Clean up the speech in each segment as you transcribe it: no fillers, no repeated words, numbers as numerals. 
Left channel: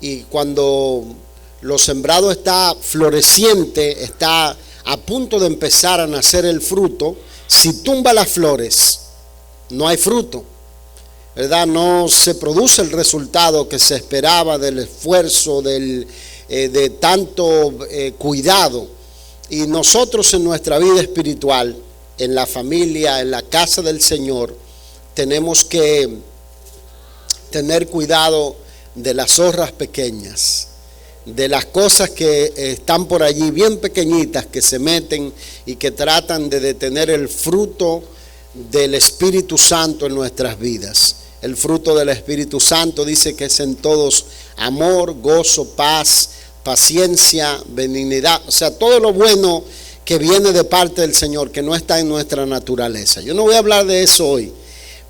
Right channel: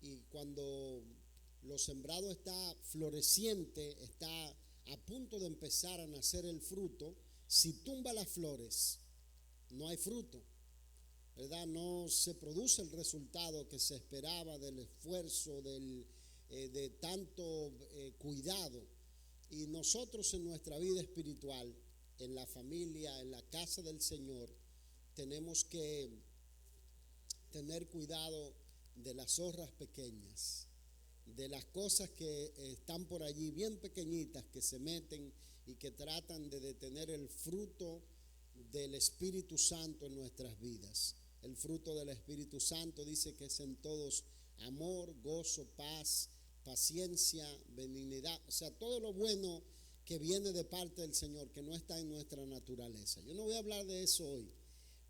y cuando lo sembrado está floreciente, está a punto de empezar a nacer el fruto, si tumba las flores, no hay fruto, ¿verdad? No se produce el resultado que se esperaba del esfuerzo, de tanto cuidado. Y nosotros en nuestra vida espiritual, en la familia, en la casa del Señor, tenemos que tener cuidado de las zorras pequeñas, de las cosas que están por allí bien pequeñitas, que se meten y que tratan de detener el fruto del Espíritu Santo en nuestras vidas. El fruto del Espíritu Santo dice que es en todos amor, gozo, paz, paciencia, benignidad, o sea, todo lo bueno que viene de parte del Señor, que no está en nuestra naturaleza. Yo no voy a hablar de eso hoy,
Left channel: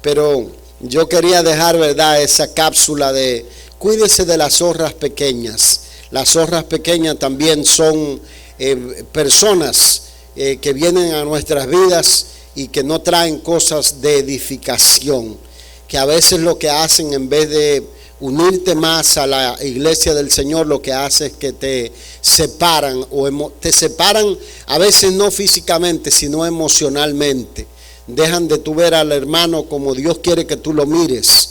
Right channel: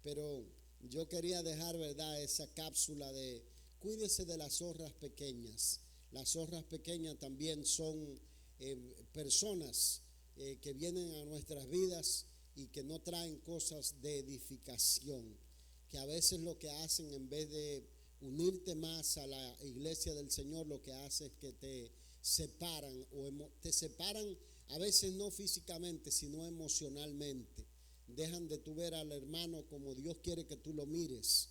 pero yo quería dejar, ¿verdad?, esa cápsula de cuídese de las zorras pequeñas. Las zorras pequeñas también son personas que vienen a nuestras vidas y que no traen cosas de edificación, que a veces lo que hacen, en vez de unirte más a la iglesia del Señor, lo que hace es que te separan, te separan a veces no físicamente, sino emocionalmente. Dejan de tú ver al hermano como Dios quiere que tú lo mires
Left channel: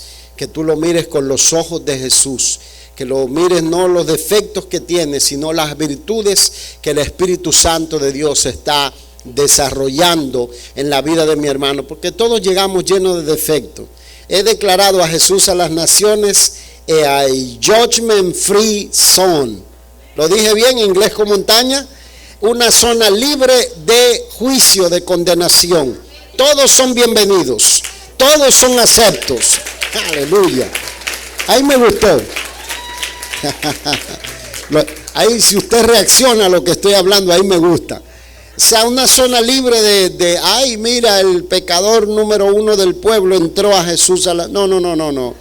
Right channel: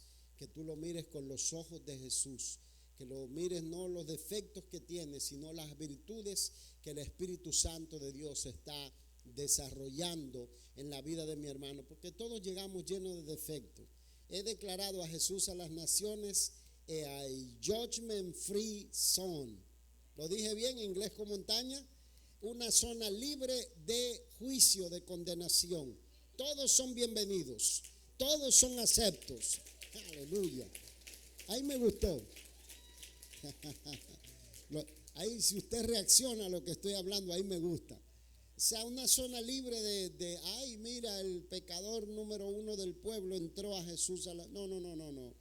con los ojos de Jesús, que lo mires no los defectos que tiene, sino las virtudes que el Espíritu Santo de Dios está desarrollando en la vida de mi hermano, porque todos llegamos llenos de defectos. He declarado a Jesús a las naciones a judgment free zone. Lo dije bien, inglés con montaña. Una zona libre de juicio, de condenación. Todos son bienvenidos, todos son aceptos. Aleluya. Ahí me gustó. Ahí, si usted reacciona a lo que estoy hablando, ahí me gusta. O sea, una zona libre de ay, mira, el pecador número 1 del pueblo entró a Jesús a la... No.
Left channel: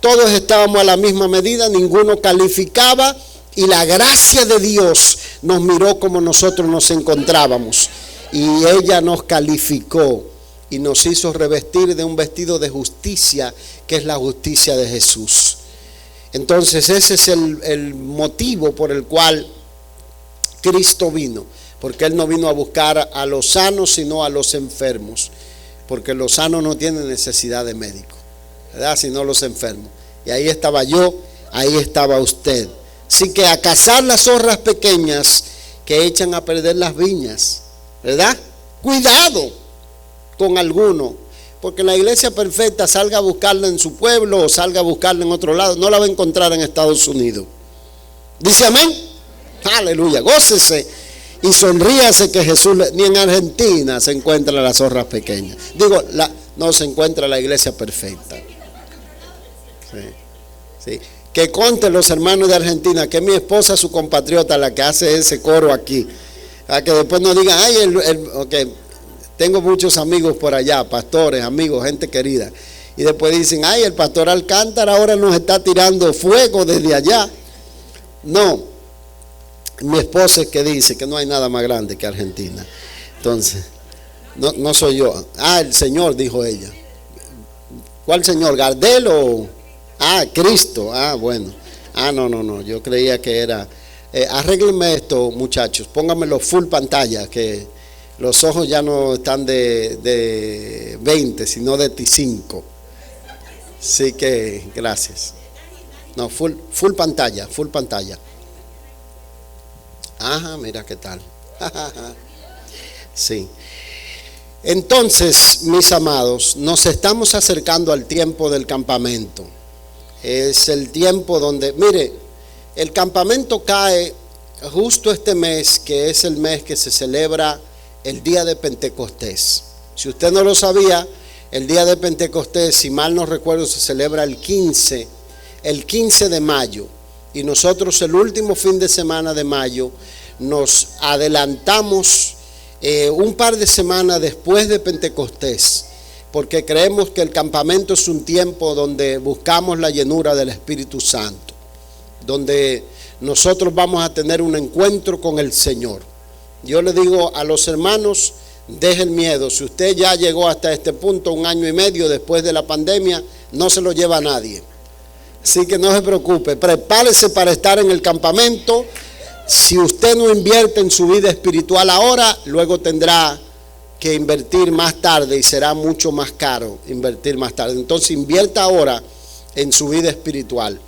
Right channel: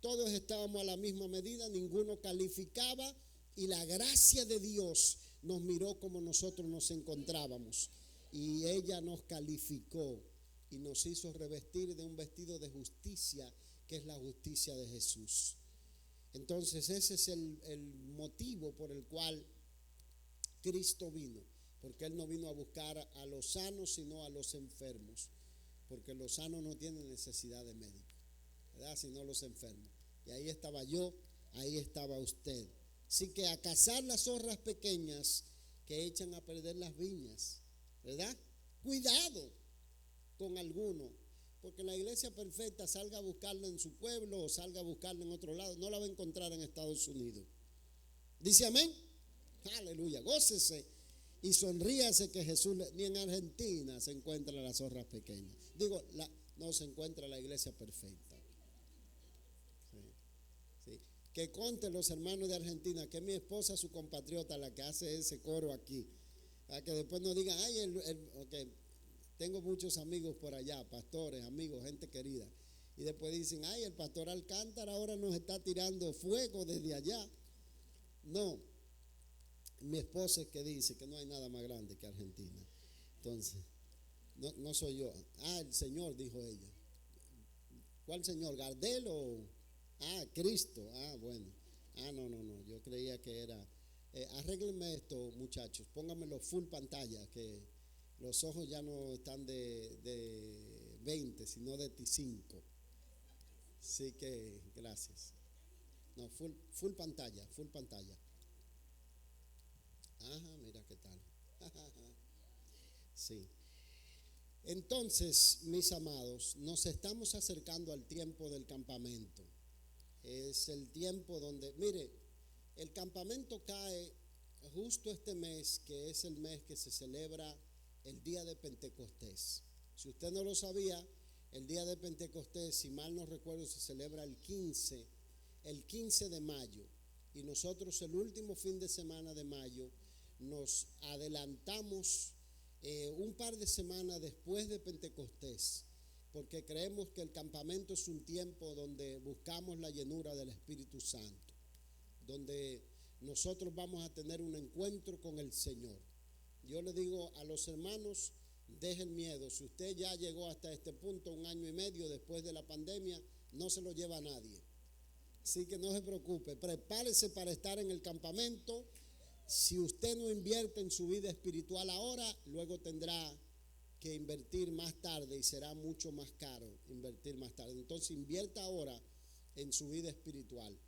Todos estábamos a la misma medida, ninguno calificaba, y la gracia de Dios nos miró como nosotros nos encontrábamos. Y ella nos calificó y nos hizo revestir de un vestido de justicia, que es la justicia de Jesús. Entonces ese es el motivo por el cual Cristo vino. Porque Él no vino a buscar a los sanos, sino a los enfermos. Porque los sanos no tienen necesidad de médico, ¿verdad? Sino los enfermos. Y ahí estaba yo, ahí estaba usted. Así que a cazar las zorras pequeñas que echan a perder las viñas, ¿verdad? Cuidado con alguno. Porque la iglesia perfecta, salga a buscarla en su pueblo o salga a buscarla en otro lado, no la va a encontrar en Estados Unidos. ¿Dice amén? Aleluya, gócese. Y sonríase que Jesús, ni en Argentina se encuentra las zorras pequeñas. No se encuentra la iglesia perfecta. Sí. Que conten los hermanos de Argentina que mi esposa, su compatriota, la que hace ese coro aquí. A que después no digan, ay, okay. Tengo muchos amigos por allá, pastores, amigos, gente querida. Y después dicen, ay, el pastor Alcántara ahora nos está tirando fuego desde allá. No. Mi esposa es que dice que no hay nada más grande que Argentina. Entonces, no soy yo. El Señor, dijo ella. ¿Cuál Señor? ¿Gardel o...? Cristo. Bueno. No. Yo creía que era... arréglenme esto, muchachos. Pónganmelo full pantalla, que los ojos ya no están de 20, sino de 5. Así que, gracias. No, full pantalla. Mira qué tal. Sí. Entonces, mis amados, nos estamos acercando al tiempo del campamento. Es el tiempo donde, mire, el campamento cae justo este mes, que es el mes que se celebra el día de Pentecostés. Si usted no lo sabía, el día de Pentecostés, si mal no recuerdo, se celebra el 15 de mayo. Y nosotros el último fin de semana de mayo nos adelantamos un par de semanas después de Pentecostés, porque creemos que el campamento es un tiempo donde buscamos la llenura del Espíritu Santo, donde nosotros vamos a tener un encuentro con el Señor. Yo le digo a los hermanos, dejen miedo. Si usted ya llegó hasta este punto, 1 año y medio después de la pandemia, no se lo lleva a nadie. Así que no se preocupe, prepárese para estar en el campamento. Si usted no invierte en su vida espiritual ahora, luego tendrá que invertir más tarde y será mucho más caro invertir más tarde. Entonces invierta ahora en su vida espiritual.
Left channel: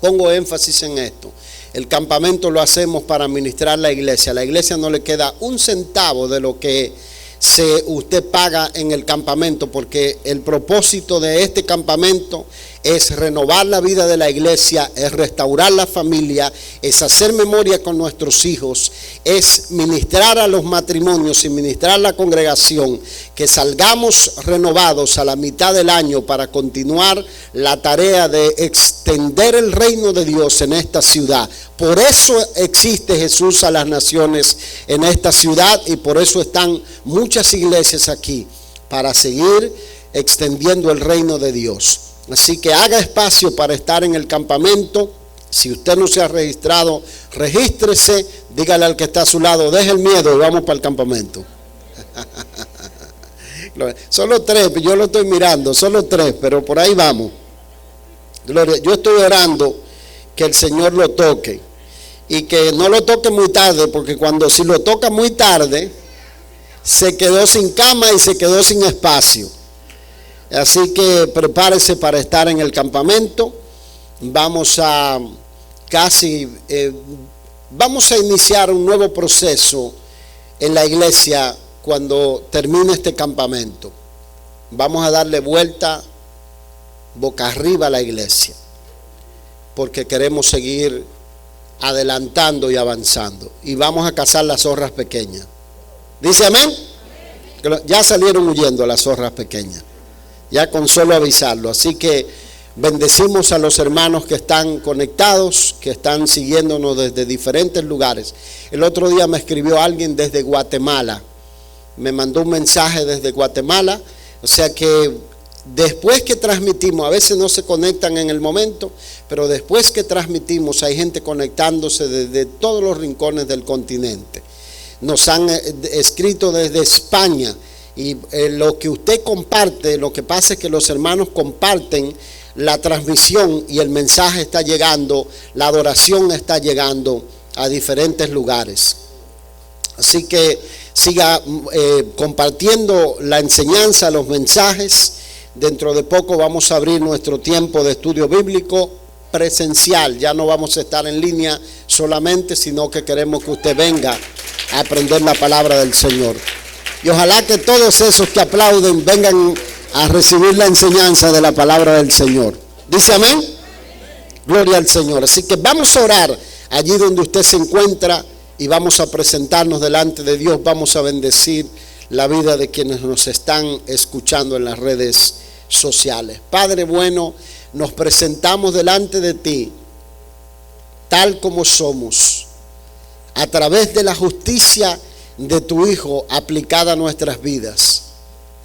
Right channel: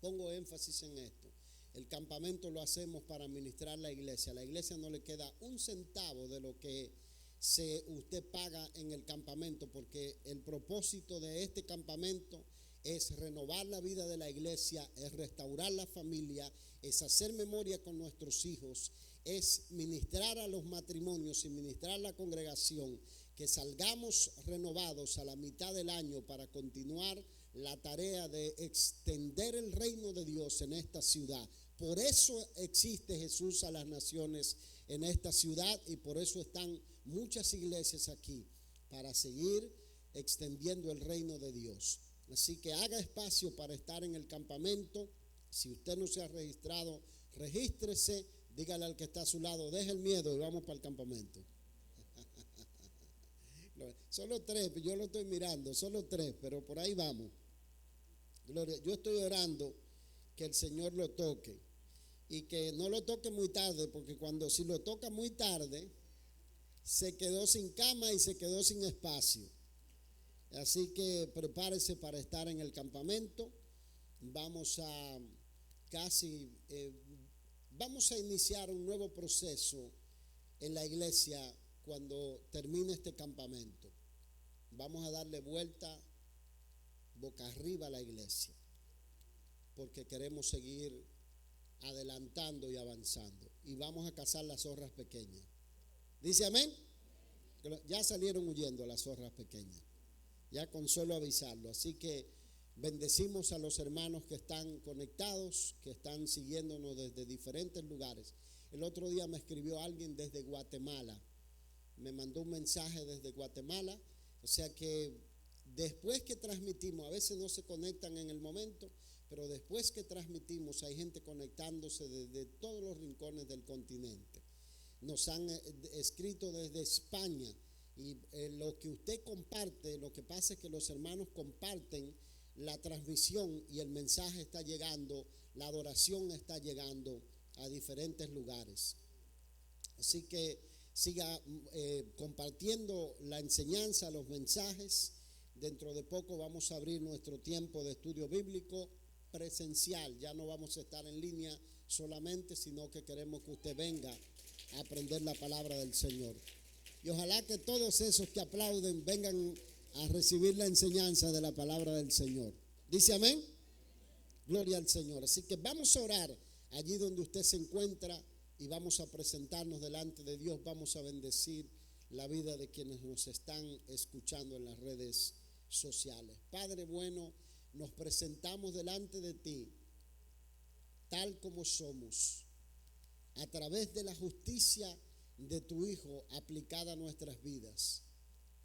Pongo énfasis en esto. El campamento lo hacemos para administrar la iglesia. A la iglesia no le queda un centavo de lo que usted paga en el campamento, porque el propósito de este campamento es renovar la vida de la iglesia, es restaurar la familia, es hacer memoria con nuestros hijos, es ministrar a los matrimonios y ministrar a la congregación, que salgamos renovados a la mitad del año para continuar la tarea de extender el reino de Dios en esta ciudad. Por eso existe Jesús a las naciones en esta ciudad y por eso están muchas iglesias aquí, para seguir extendiendo el reino de Dios. Así que haga espacio para estar en el campamento. Si usted no se ha registrado, regístrese, dígale al que está a su lado, deje el miedo y vamos para el campamento. Solo 3, yo lo estoy mirando, solo 3, pero por ahí vamos. Gloria, yo estoy orando que el Señor lo toque y que no lo toque muy tarde, porque si lo toca muy tarde, se quedó sin cama y se quedó sin espacio. Así que prepárese para estar en el campamento. Vamos a iniciar un nuevo proceso en la iglesia cuando termine este campamento. Vamos a darle vuelta boca arriba a la iglesia, porque queremos seguir adelantando y avanzando. Y vamos a cazar las zorras pequeñas. ¿Dice amén? Ya salieron huyendo las zorras pequeñas, ya con solo avisarlo. Así que bendecimos a los hermanos que están conectados, que están siguiéndonos desde diferentes lugares. El otro día me escribió alguien desde Guatemala, me mandó un mensaje desde Guatemala. O sea que después que transmitimos, a veces no se conectan en el momento, pero después que transmitimos hay gente conectándose desde todos los rincones del continente. Nos han escrito desde España. Y lo que usted comparte, lo que pasa es que los hermanos comparten la transmisión y el mensaje está llegando, la adoración está llegando a diferentes lugares. Así que siga compartiendo la enseñanza, los mensajes. Dentro de poco vamos a abrir nuestro tiempo de estudio bíblico presencial. Ya no vamos a estar en línea solamente, sino que queremos que usted venga a aprender la palabra del Señor. Y ojalá que todos esos que aplauden vengan a recibir la enseñanza de la palabra del Señor. ¿Dice amén? Gloria al Señor. Así que vamos a orar allí donde usted se encuentra y vamos a presentarnos delante de Dios. Vamos a bendecir la vida de quienes nos están escuchando en las redes sociales. Padre bueno, nos presentamos delante de ti tal como somos, a través de la justicia de tu Hijo aplicada a nuestras vidas.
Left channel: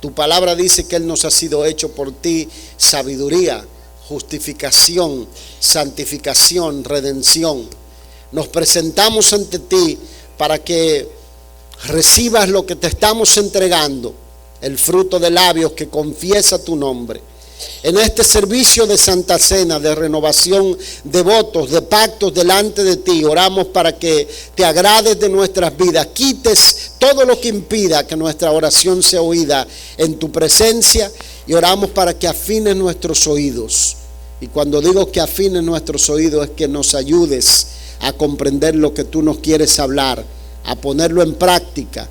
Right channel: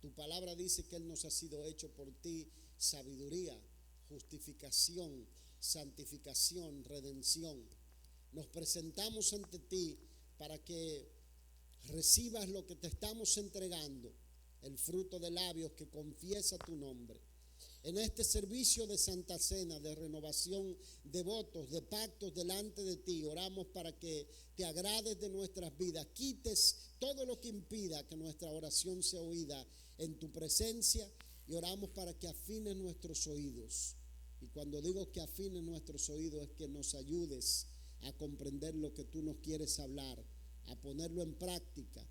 Tu palabra dice que Él nos ha sido hecho por ti sabiduría, justificación, santificación, redención. Nos presentamos ante ti para que recibas lo que te estamos entregando, el fruto de labios que confiesa tu nombre. En este servicio de Santa Cena, de renovación de votos, de pactos delante de ti, oramos para que te agrades de nuestras vidas, quites todo lo que impida que nuestra oración sea oída en tu presencia, y oramos para que afines nuestros oídos. Y cuando digo que afines nuestros oídos es que nos ayudes a comprender lo que tú nos quieres hablar, a ponerlo en práctica.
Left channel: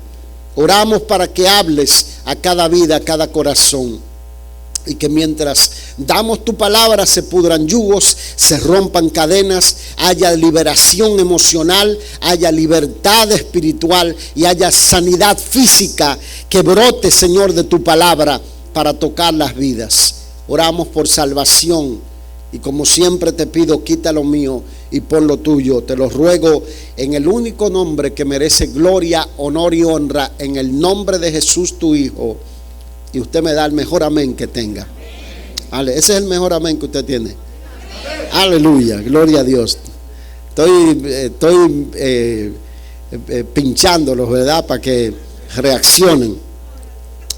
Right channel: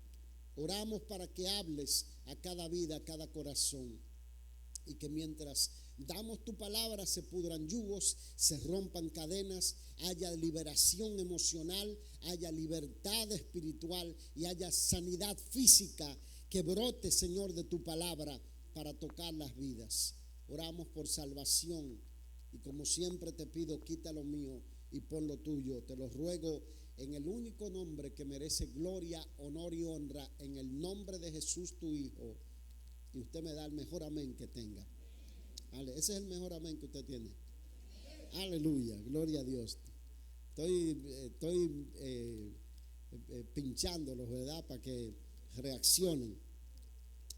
Oramos para que hables a cada vida, a cada corazón, y que mientras damos tu palabra se pudran yugos, se rompan cadenas, haya liberación emocional, haya libertad espiritual y haya sanidad física que brote, Señor, de tu palabra para tocar las vidas. Oramos por salvación y como siempre te pido, quita lo mío y pon lo tuyo. Te lo ruego en el único nombre que merece gloria, honor y honra, en el nombre de Jesús tu Hijo. Y usted me da el mejor amén que tenga. Ese es el mejor amén que usted tiene. Aleluya, gloria a Dios. Estoy pinchándolos, ¿verdad? Para que reaccionen.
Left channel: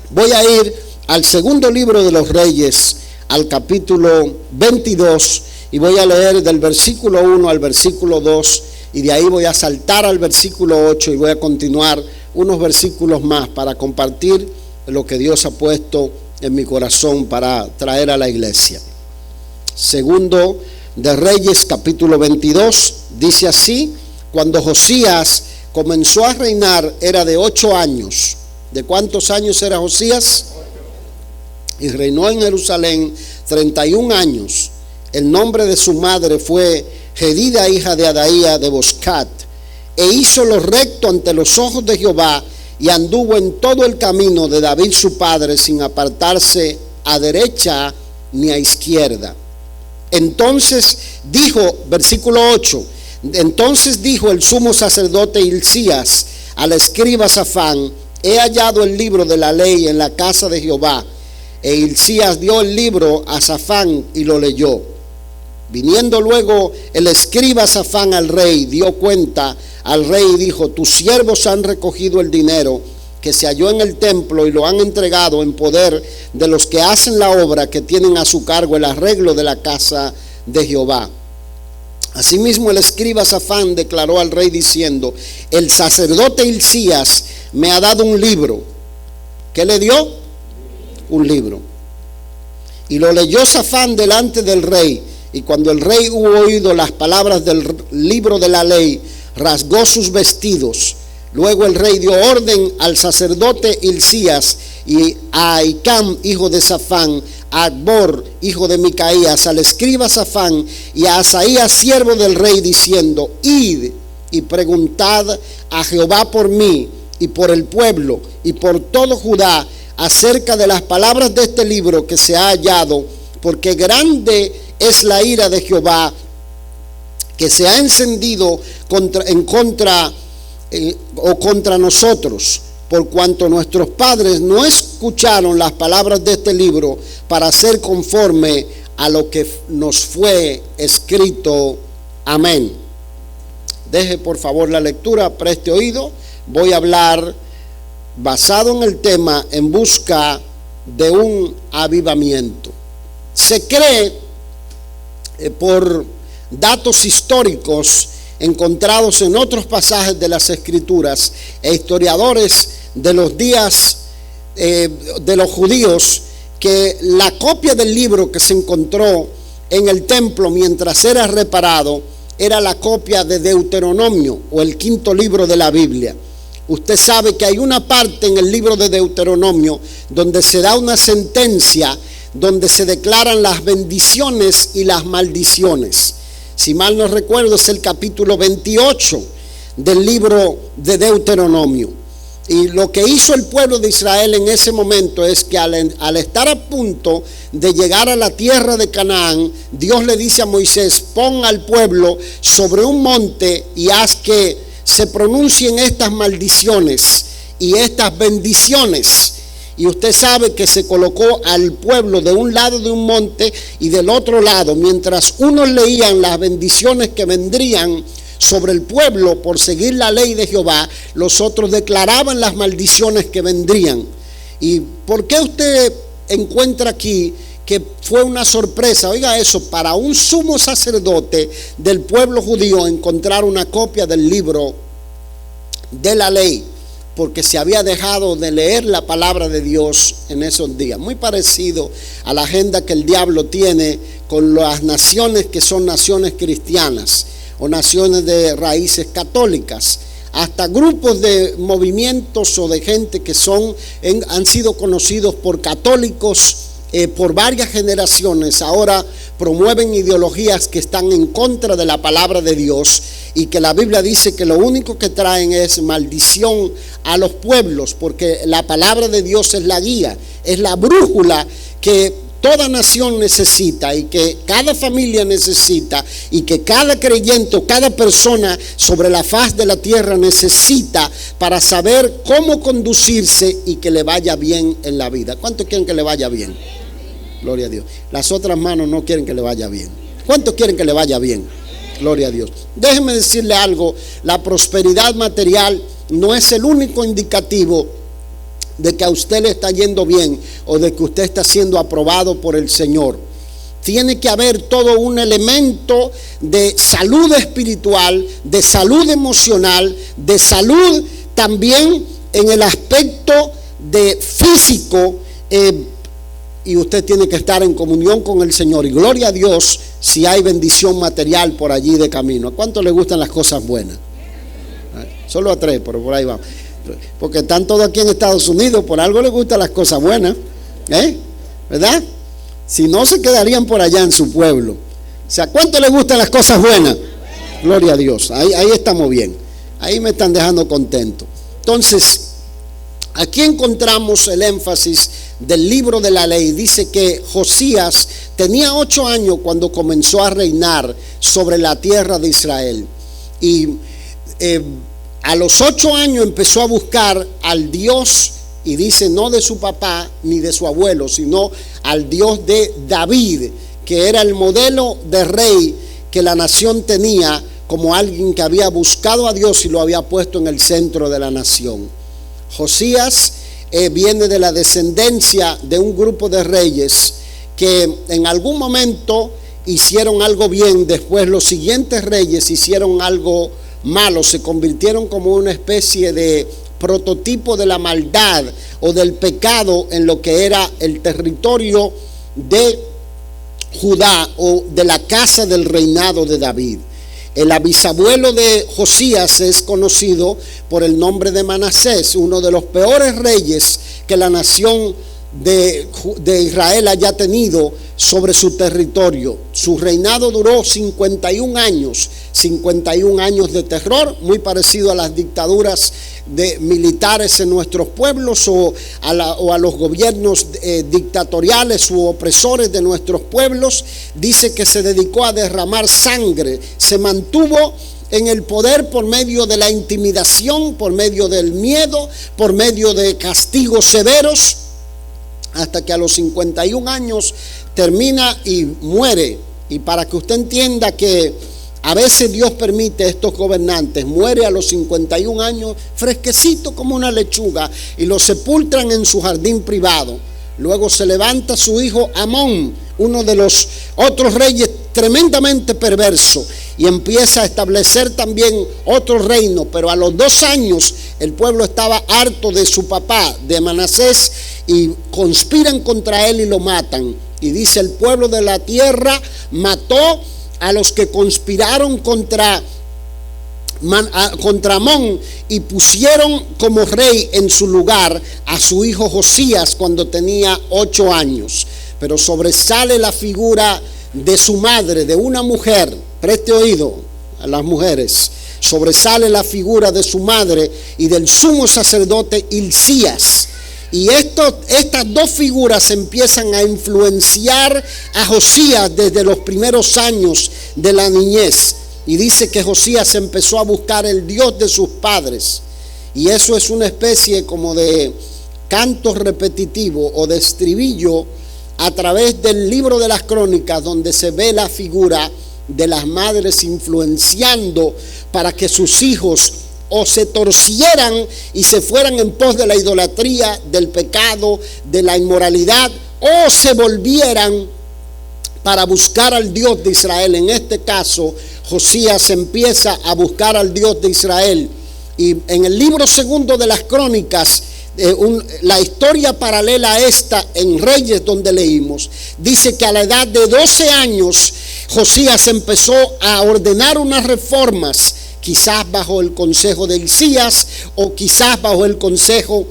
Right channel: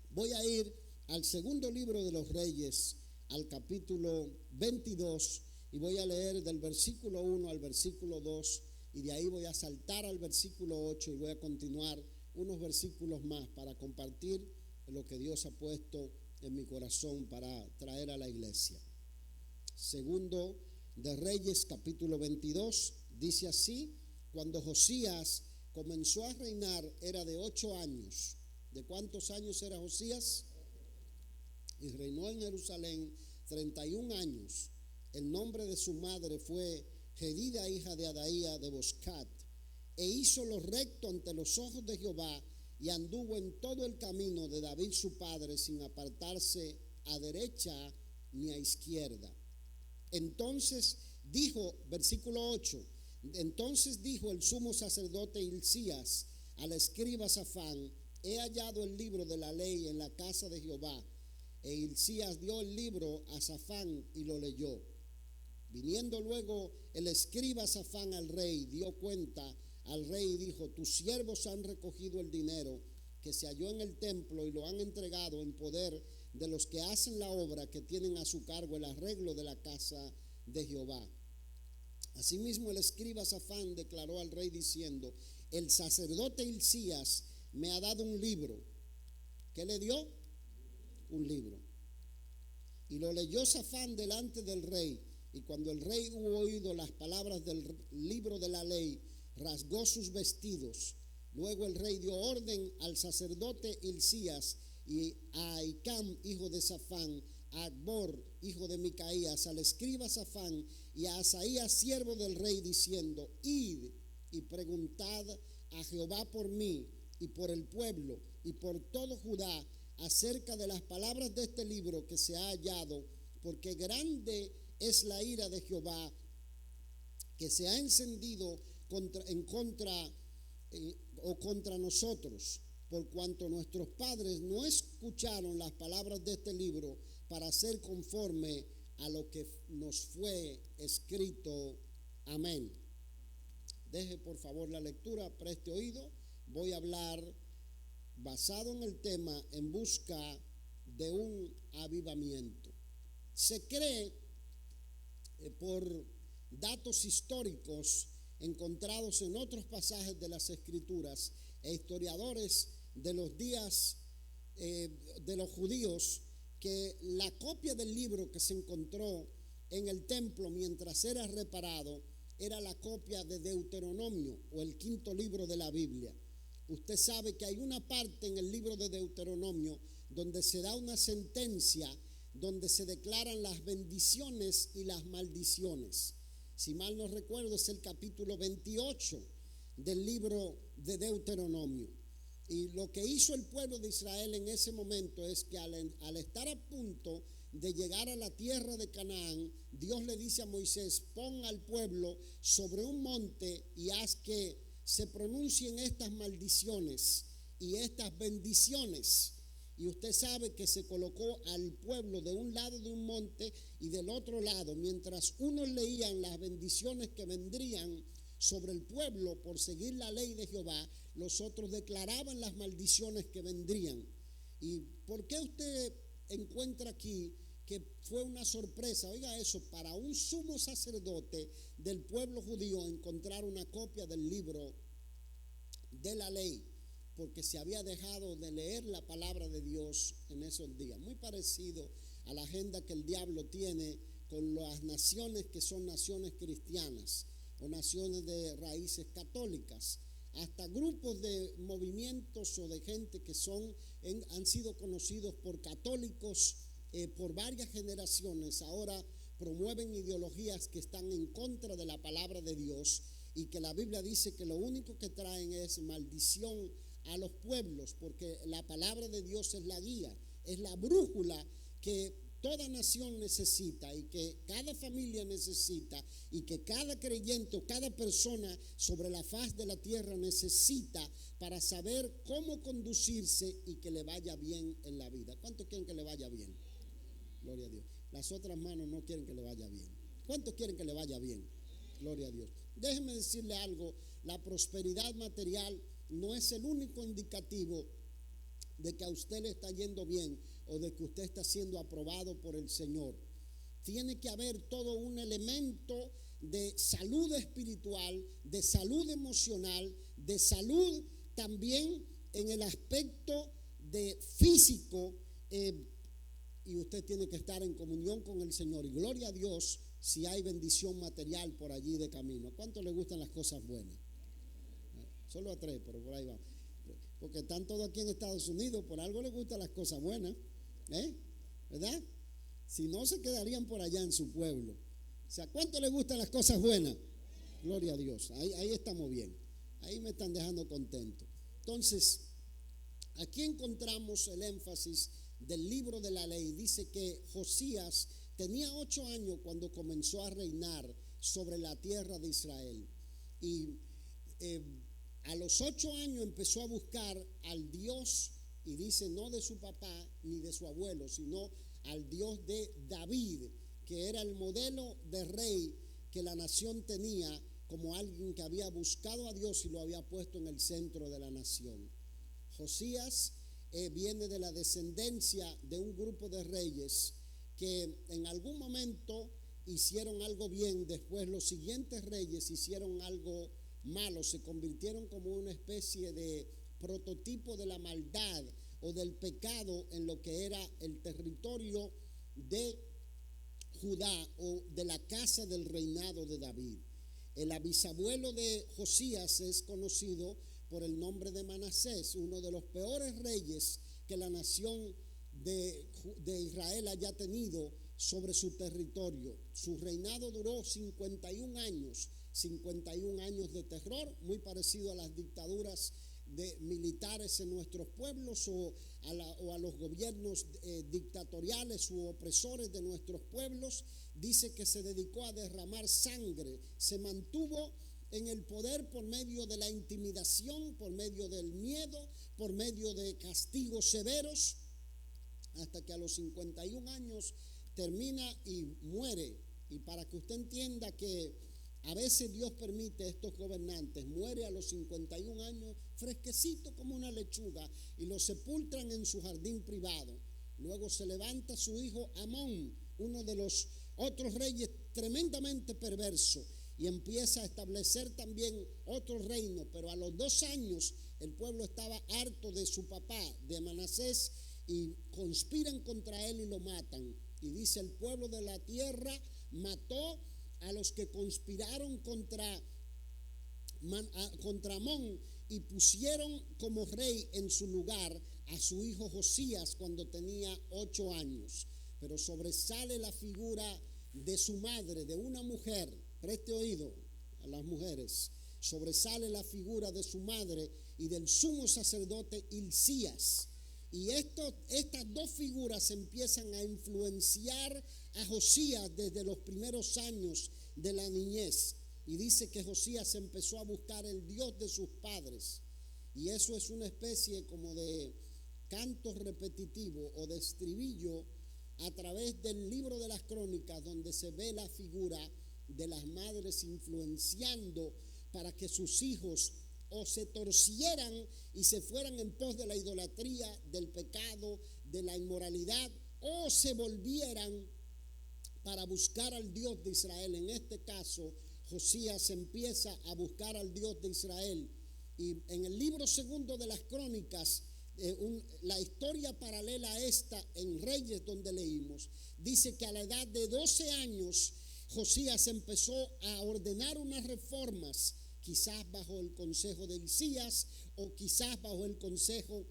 Voy a ir al segundo libro de los Reyes, al capítulo 22, y voy a leer del versículo 1 al versículo 2 y de ahí voy a saltar al versículo 8 y voy a continuar unos versículos más para compartir lo que Dios ha puesto en mi corazón para traer a la iglesia. Segundo de Reyes, capítulo 22, dice así: cuando Josías comenzó a reinar era de 8 años. ¿De cuántos años era Josías? Y reinó en Jerusalén 31 años. El nombre de su madre fue Jedida, hija de Adaía de Boscat. E hizo lo recto ante los ojos de Jehová, y anduvo en todo el camino de David su padre, sin apartarse a derecha ni a izquierda. Entonces dijo, versículo 8, entonces dijo el sumo sacerdote Hilcías al escriba Safán: he hallado el libro de la ley en la casa de Jehová. E Hilcías dio el libro a Safán y lo leyó. Viniendo luego el escriba Safán al rey, dio cuenta al rey y dijo: tus siervos han recogido el dinero que se halló en el templo y lo han entregado en poder de los que hacen la obra, que tienen a su cargo el arreglo de la casa de Jehová. Asimismo el escriba Safán declaró al rey diciendo: el sacerdote Hilcías me ha dado un libro. ¿Qué le dio? Un libro. Y lo leyó Safán delante del rey. Y cuando el rey hubo oído las palabras del libro de la ley, rasgó sus vestidos. Luego el rey dio orden al sacerdote Hilcías y a Ahicam, hijo de Safán, a Acbor, hijo de Micaías, al escriba Safán y a Asaías, siervo del rey, diciendo: id y preguntad a Jehová por mí y por el pueblo y por todo Judá acerca de las palabras de este libro que se ha hallado, porque grande es la ira de Jehová que se ha encendido contra nosotros, por cuanto nuestros padres no escucharon las palabras de este libro para hacer conforme a lo que nos fue escrito. Amén. Deje por favor la lectura, preste oído. Voy a hablar basado en el tema en busca de un avivamiento. Se cree por datos históricos encontrados en otros pasajes de las Escrituras e historiadores de los días de los judíos, que la copia del libro que se encontró en el templo mientras era reparado era la copia de Deuteronomio, o el quinto libro de la Biblia. Usted sabe que hay una parte en el libro de Deuteronomio donde se da una sentencia, donde se declaran las bendiciones y las maldiciones. Si mal no recuerdo, es el capítulo 28 del libro de Deuteronomio. Y lo que hizo el pueblo de Israel en ese momento es que al estar a punto de llegar a la tierra de Canaán, Dios le dice a Moisés: pon al pueblo sobre un monte y haz que se pronuncien estas maldiciones y estas bendiciones. Y usted sabe que se colocó al pueblo de un lado de un monte y del otro lado. Mientras unos leían las bendiciones que vendrían sobre el pueblo por seguir la ley de Jehová, los otros declaraban las maldiciones que vendrían. ¿Y por qué usted encuentra aquí que fue una sorpresa? Oiga eso, para un sumo sacerdote del pueblo judío encontrar una copia del libro de la ley, porque se había dejado de leer la palabra de Dios en esos días. Muy parecido a la agenda que el diablo tiene con las naciones que son naciones cristianas o naciones de raíces católicas. Hasta grupos de movimientos o de gente que han sido conocidos por católicos por varias generaciones, ahora promueven ideologías que están en contra de la palabra de Dios, y que la Biblia dice que lo único que traen es maldición a los pueblos, porque la palabra de Dios es la guía, es la brújula que toda nación necesita y que cada familia necesita y que cada creyente o cada persona sobre la faz de la tierra necesita para saber cómo conducirse y que le vaya bien en la vida. ¿Cuántos quieren que le vaya bien? Gloria a Dios. Las otras manos no quieren que le vaya bien. ¿Cuántos quieren que le vaya bien? Gloria a Dios. Déjeme decirle algo: la prosperidad material no es el único indicativo de que a usted le está yendo bien o de que usted está siendo aprobado por el Señor. tiene que haber todo un elemento de salud espiritual, de salud emocional, de salud también en el aspecto de físico, y usted tiene que estar en comunión con el Señor. Y gloria a Dios si hay bendición material por allí de camino. ¿A cuánto le gustan las cosas buenas? Solo a 3, pero por ahí vamos. Porque están todos aquí en Estados Unidos, por algo les gustan las cosas buenas, ¿verdad? Si no, se quedarían por allá en su pueblo. O sea, ¿cuánto les gustan las cosas buenas? Gloria a Dios, ahí estamos bien. Ahí me están dejando contento. Entonces, aquí encontramos el énfasis del libro de la ley. Dice que Josías tenía 8 años cuando comenzó a reinar sobre la tierra de Israel. Y a los 8 años empezó a buscar al Dios, y dice no de su papá ni de su abuelo, sino al Dios de David, que era el modelo de rey que la nación tenía, como alguien que había buscado a Dios y lo había puesto en el centro de la nación. Josías viene de la descendencia de un grupo de reyes que en algún momento hicieron algo bien, después los siguientes reyes hicieron algo malo, se convirtieron como una especie de prototipo de la maldad o del pecado en lo que era el territorio de Judá o de la casa del reinado de David. El bisabuelo de Josías es conocido por el nombre de Manasés, uno de los peores reyes que la nación de Israel haya tenido sobre su territorio. Su reinado duró 51 años de terror, muy parecido a las dictaduras militares en nuestros pueblos o a los gobiernos dictatoriales u opresores de nuestros pueblos. Dice que se dedicó a derramar sangre, se mantuvo en el poder por medio de la intimidación, por medio del miedo, por medio de castigos severos, hasta que a los 51 años termina y muere. Y para que usted entienda que a veces Dios permite a estos gobernantes, muere a los 51 años fresquecito como una lechuga, y lo sepultan en su jardín privado. Luego se levanta su hijo Amón, uno de los otros reyes tremendamente perverso, y empieza a establecer también otro reino. Pero a los 2 años el pueblo estaba harto de su papá, de Manasés, y conspiran contra él y lo matan. Y dice: el pueblo de la tierra mató a los que conspiraron contra Amón, y pusieron como rey en su lugar a su hijo Josías cuando tenía 8 años. Pero sobresale la figura de su madre, de una mujer. Preste oído a las mujeres. Sobresale la figura de su madre y del sumo sacerdote Hilcías. Y estas dos figuras empiezan a influenciar a Josías desde los primeros años de la niñez. Y dice que Josías empezó a buscar el Dios de sus padres. Y eso es una especie como de canto repetitivo o de estribillo a través del libro de las Crónicas, donde se ve la figura de las madres influenciando para que sus hijos o se torcieran y se fueran en pos de la idolatría, del pecado, de la inmoralidad, o se volvieran para buscar al Dios de Israel. En este caso, Josías empieza a buscar al Dios de Israel. Y en el libro segundo de las Crónicas, la historia paralela a esta en Reyes, donde leímos, dice que a la edad de 12 años Josías empezó a ordenar unas reformas, quizás bajo el consejo de Hilcías o quizás bajo el consejo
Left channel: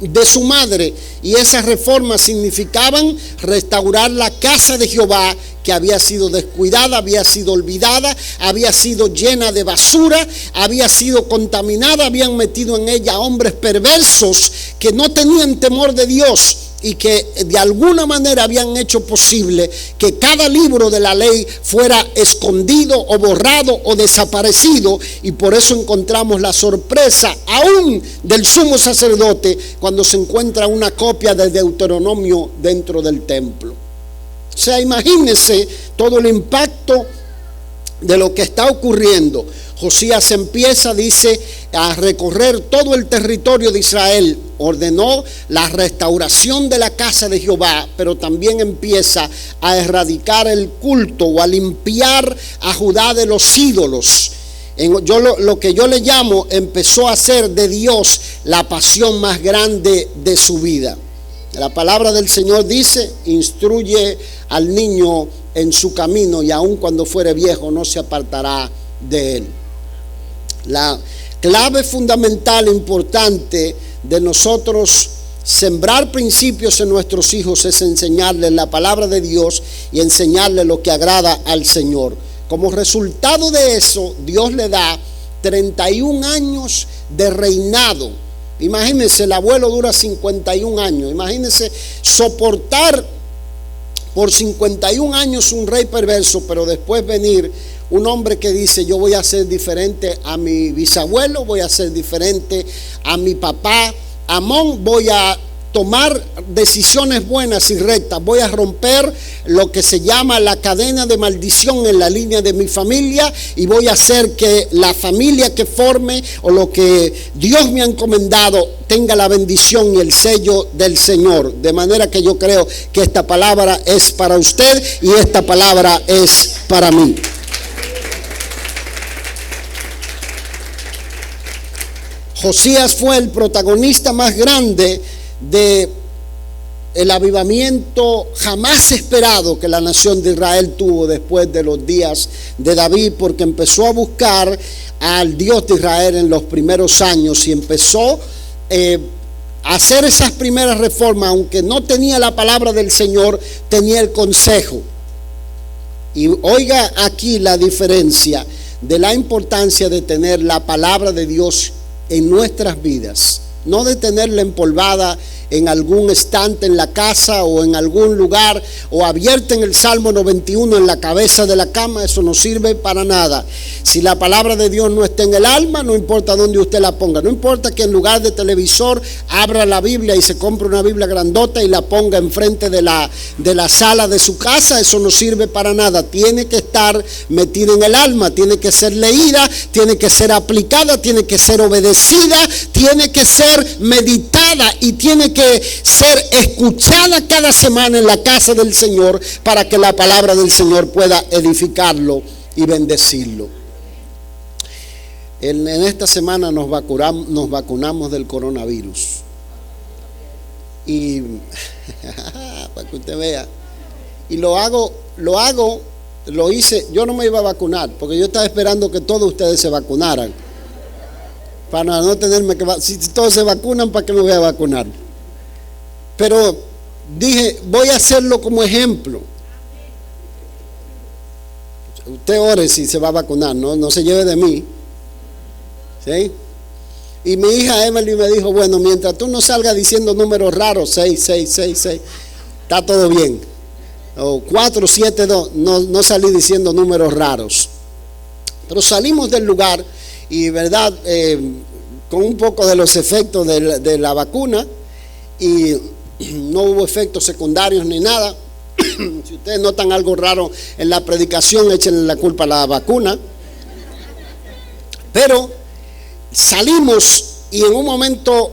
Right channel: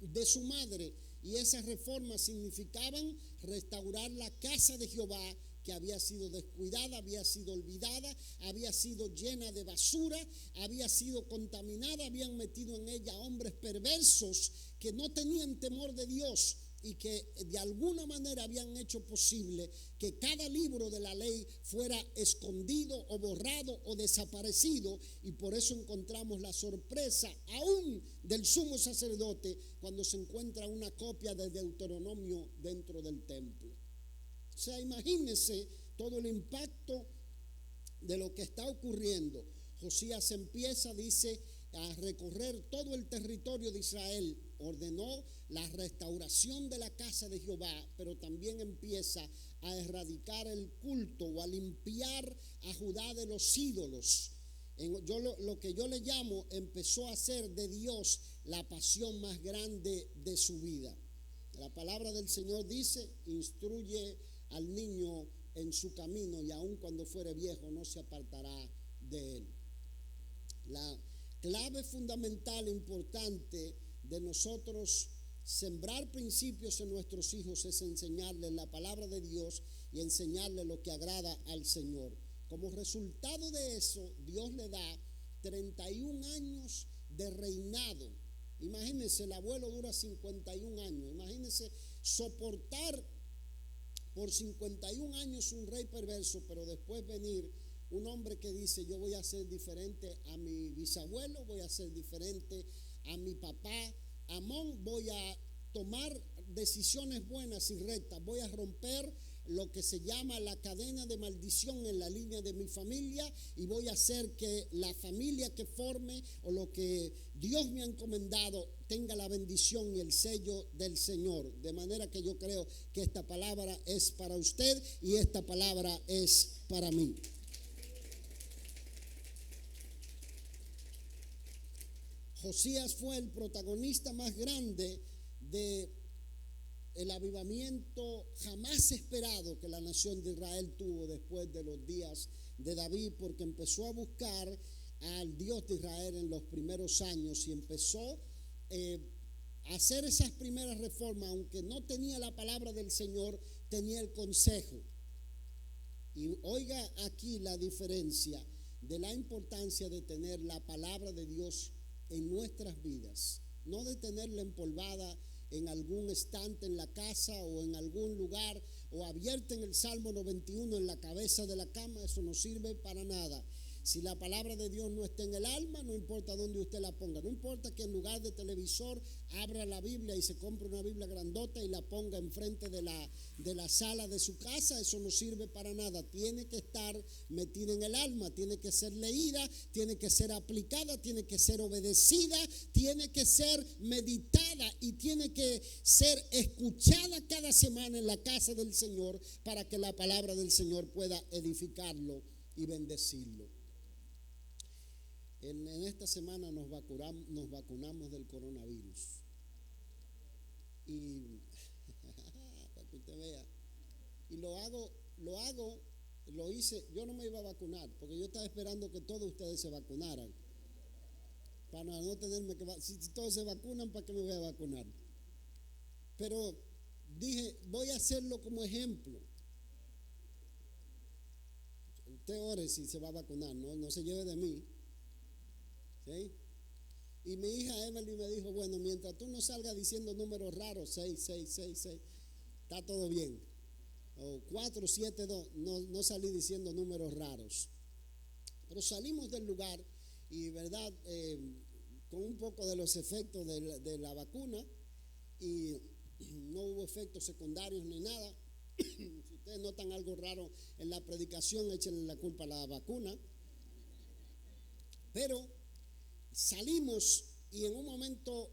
de su madre. Y esas reformas significaban restaurar la casa de Jehová, que había sido descuidada, había sido olvidada, había sido llena de basura, había sido contaminada, habían metido en ella hombres perversos que no tenían temor de Dios y que de alguna manera habían hecho posible que cada libro de la ley fuera escondido o borrado o desaparecido. Y por eso encontramos la sorpresa aún del sumo sacerdote cuando se encuentra una copia de Deuteronomio dentro del templo. O sea, imagínense todo el impacto de lo que está ocurriendo. Josías empieza, dice, a recorrer todo el territorio de Israel. Ordenó la restauración de la casa de Jehová, pero también empieza a erradicar el culto o a limpiar a Judá de los ídolos. Lo que yo le llamo, empezó a hacer de Dios la pasión más grande de su vida. La palabra del Señor dice: instruye al niño en su camino, y aun cuando fuere viejo no se apartará de él. La clave fundamental, importante de nosotros sembrar principios en nuestros hijos, es enseñarles la palabra de Dios y enseñarles lo que agrada al Señor. Como resultado de eso, Dios le da 31 años de reinado. Imagínense, el abuelo dura 51 años. Imagínense soportar por 51 años un rey perverso, pero después venir un hombre que dice: yo voy a ser diferente a mi bisabuelo, voy a ser diferente a mi papá Amón, voy a tomar decisiones buenas y rectas, voy a romper lo que se llama la cadena de maldición en la línea de mi familia, y voy a hacer que la familia que forme o lo que Dios me ha encomendado tenga la bendición y el sello del Señor. De manera que yo creo que esta palabra es para usted y esta palabra es para mí. Josías fue el protagonista más grande de el avivamiento jamás esperado que la nación de Israel tuvo después de los días de David, porque empezó a buscar al Dios de Israel en los primeros años y empezó a hacer esas primeras reformas. Aunque no tenía la palabra del Señor, tenía el consejo. Y oiga aquí la diferencia de la importancia de tener la palabra de Dios en nuestras vidas, no de tenerla empolvada en algún estante en la casa o en algún lugar, o abierta en el Salmo 91 en la cabeza de la cama. Eso no sirve para nada. Si la palabra de Dios no está en el alma, no importa dónde usted la ponga, no importa que en lugar de televisor abra la Biblia y se compre una Biblia grandota y la ponga enfrente de la sala de su casa, eso no sirve para nada. Tiene que estar metida en el alma, tiene que ser leída, tiene que ser aplicada, tiene que ser obedecida, tiene que ser meditada y tiene que ser escuchada cada semana en la casa del Señor, para que la palabra del Señor pueda edificarlo y bendecirlo. En esta semana nos vacunamos del coronavirus. Y para que usted vea. Y lo hice. Yo no me iba a vacunar, porque yo estaba esperando que todos ustedes se vacunaran, para no tenerme que si todos se vacunan, ¿para qué me voy a vacunar? Pero dije, voy a hacerlo como ejemplo. Usted ore si se va a vacunar, no se lleve de mí. ¿Sí? Y mi hija Emily me dijo: bueno, mientras tú no salgas diciendo números raros, 6, 6, 6, 6, está todo bien. O 4, 7, 2, no salí diciendo números raros. Pero salimos del lugar y, verdad, con un poco de los efectos de la vacuna, y no hubo efectos secundarios ni nada. Si ustedes notan algo raro en la predicación, échenle la culpa a la vacuna. Pero salimos, y en un momento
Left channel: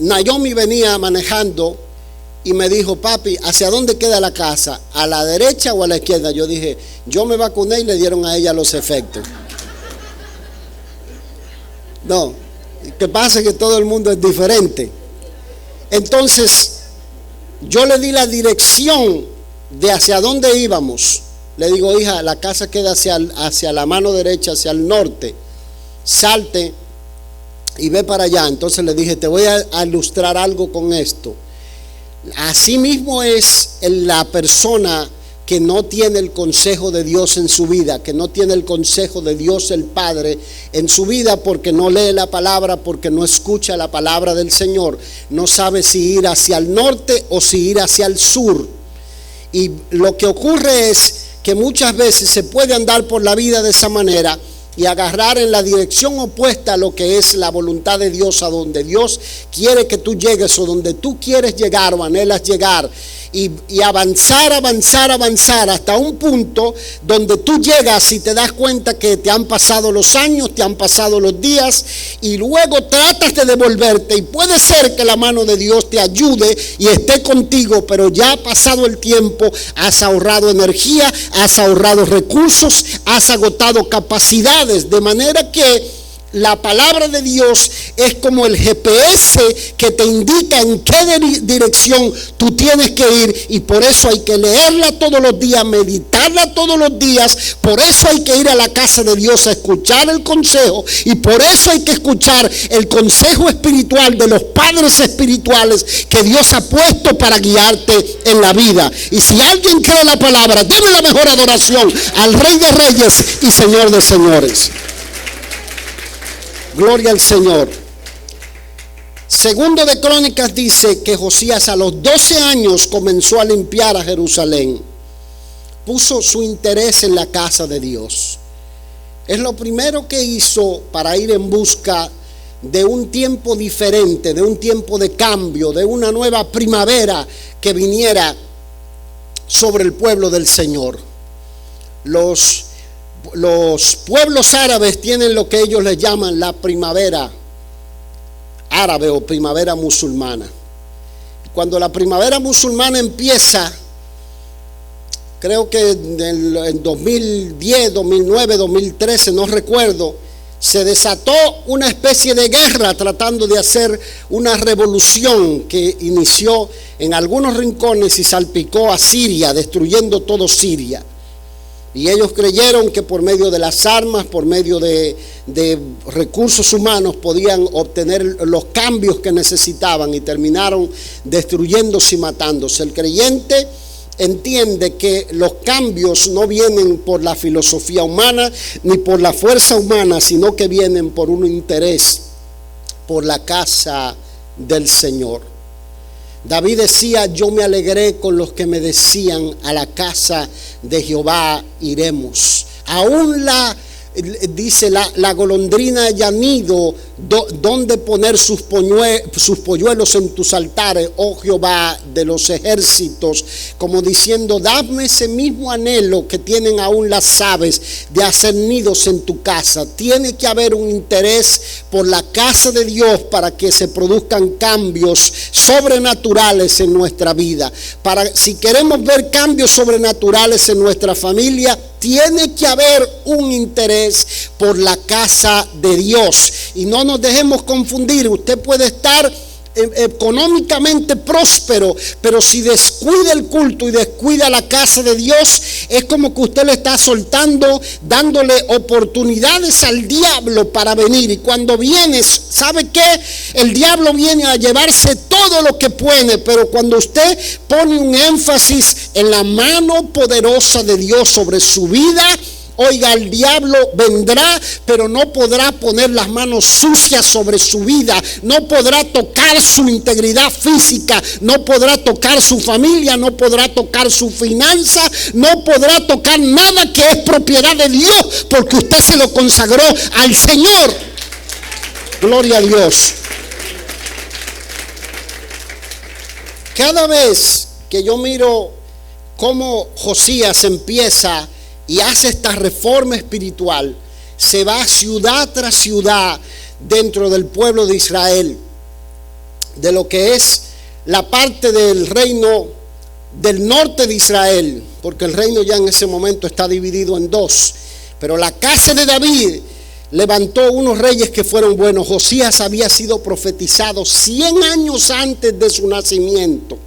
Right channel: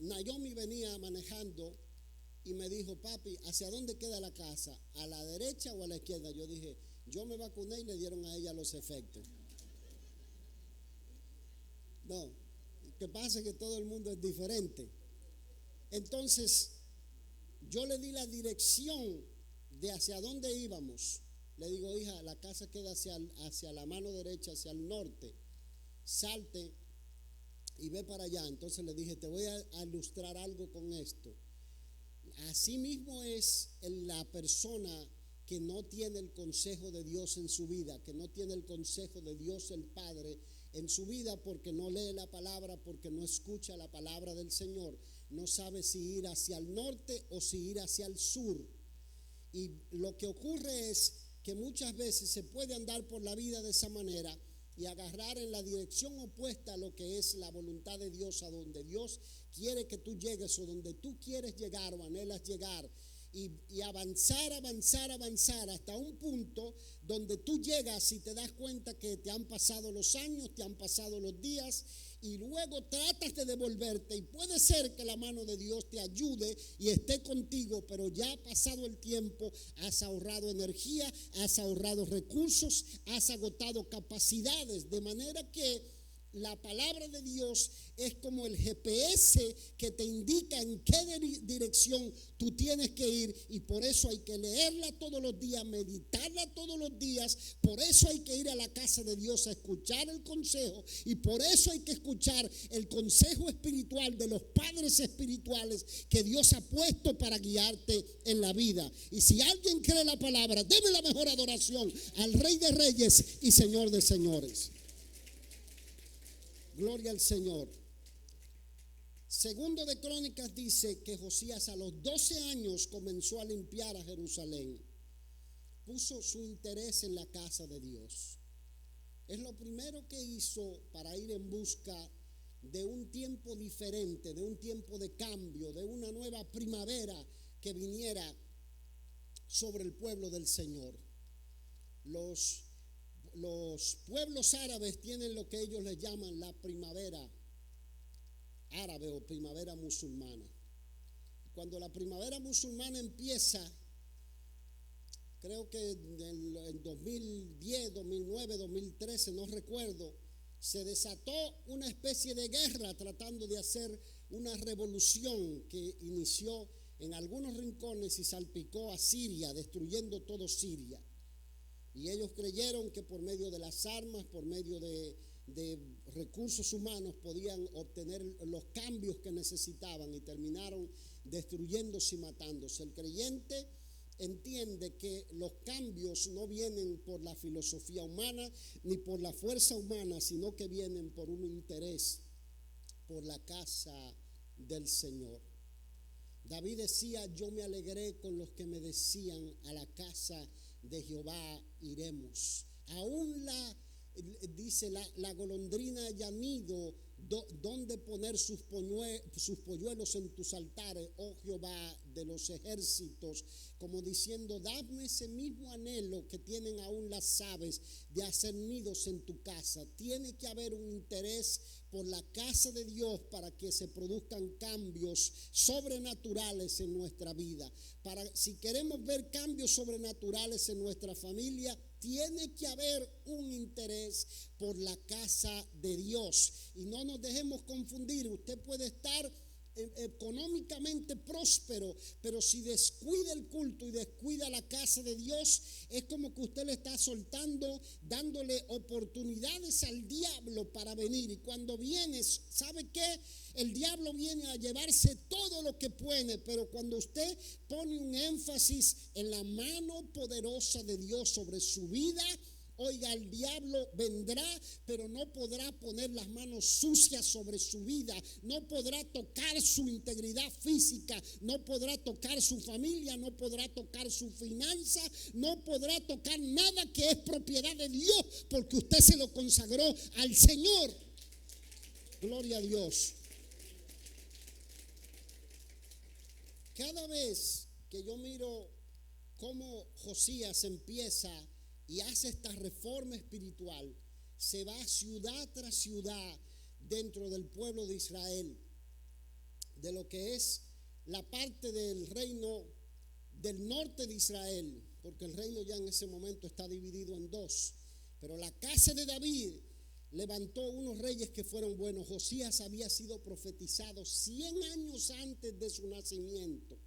Naomi venía manejando y me dijo: papi, ¿hacia dónde queda la casa? ¿A la derecha o a la izquierda? Yo dije: yo me vacuné y le dieron a ella los efectos. No, lo que pasa es que todo el mundo es diferente. Entonces yo le di la dirección de hacia dónde íbamos. Le digo: hija, la casa queda hacia la mano derecha, hacia el norte. Salte y ve para allá. Entonces le dije: te voy a ilustrar algo con esto. Así mismo es la persona que no tiene el consejo de Dios en su vida, que no tiene el consejo de Dios el Padre en su vida, porque no lee la palabra, porque no escucha la palabra del Señor. No sabe si ir hacia el norte o si ir hacia el sur. Y lo que ocurre es que muchas veces se puede andar por la vida de esa manera y agarrar en la dirección opuesta a lo que es la voluntad de Dios, a donde Dios quiere que tú llegues, o donde tú quieres llegar o anhelas llegar. y avanzar hasta un punto donde tú llegas y te das cuenta que te han pasado los años, te han pasado los días, y luego tratas de devolverte, y puede ser que la mano de Dios te ayude y esté contigo, pero ya ha pasado el tiempo, has ahorrado energía, has ahorrado recursos, has agotado capacidades, de manera que la palabra de Dios es como el GPS que te indica en qué dirección tú tienes que ir, y por eso hay que leerla todos los días, meditarla todos los días. Por eso hay que ir a la casa de Dios a escuchar el consejo, y por eso hay que escuchar el consejo espiritual de los padres espirituales que Dios ha puesto para guiarte en la vida. Y si alguien cree la palabra, deme la mejor adoración al Rey de Reyes y Señor de Señores. Gloria al Señor. Segundo de Crónicas dice que Josías a los 12 años comenzó a limpiar a Jerusalén. Puso su interés en la casa de Dios. Es lo primero que hizo para ir en busca de un tiempo diferente, de un tiempo de cambio, de una nueva primavera que viniera sobre el pueblo del Señor. Los pueblos árabes tienen lo que ellos les llaman la primavera árabe o primavera musulmana. Cuando la primavera musulmana empieza, creo que en 2010, 2009, 2013, no recuerdo, se desató una especie de guerra tratando de hacer una revolución que inició en algunos rincones y salpicó a Siria, destruyendo todo Siria. Y ellos creyeron que por medio de las armas, por medio de recursos humanos, podían obtener los cambios que necesitaban, y terminaron destruyéndose y matándose. El creyente entiende que los cambios no vienen por la filosofía humana ni por la fuerza humana, sino que vienen por un interés por la casa del Señor. David decía: yo me alegré con los que me decían, a la casa de Jehová iremos. Aún dice la golondrina haya nido donde poner sus polluelos en tus altares, oh Jehová de los ejércitos, como diciendo: dame ese mismo anhelo que tienen aún las aves de hacer nidos en tu casa. Tiene que haber un interés por la casa de Dios para que se produzcan cambios sobrenaturales en nuestra vida. Si queremos ver cambios sobrenaturales en nuestra familia, tiene que haber un interés por la casa de Dios. Y no nos dejemos confundir. Usted puede estar económicamente próspero, pero si descuida el culto y descuida la casa de Dios, es como que usted le está soltando, dándole oportunidades al diablo para venir. Y cuando viene, ¿sabe qué? El diablo viene a llevarse todo lo que puede, pero cuando usted pone un énfasis en la mano poderosa de Dios sobre su vida, oiga, el diablo vendrá, pero no podrá poner las manos sucias sobre su vida, no podrá tocar su integridad física, no podrá tocar su familia, no podrá tocar su finanza, no podrá tocar nada que es propiedad de Dios, porque usted se lo consagró al Señor. Gloria a Dios. Cada vez que yo miro cómo Josías empieza y hace esta reforma espiritual, se va ciudad tras ciudad dentro del pueblo de Israel, de lo que es la parte del reino del norte de Israel, porque el reino ya en ese momento está dividido en dos. Pero la casa de David levantó unos reyes que fueron buenos. Josías había sido profetizado 100 años antes de su nacimiento.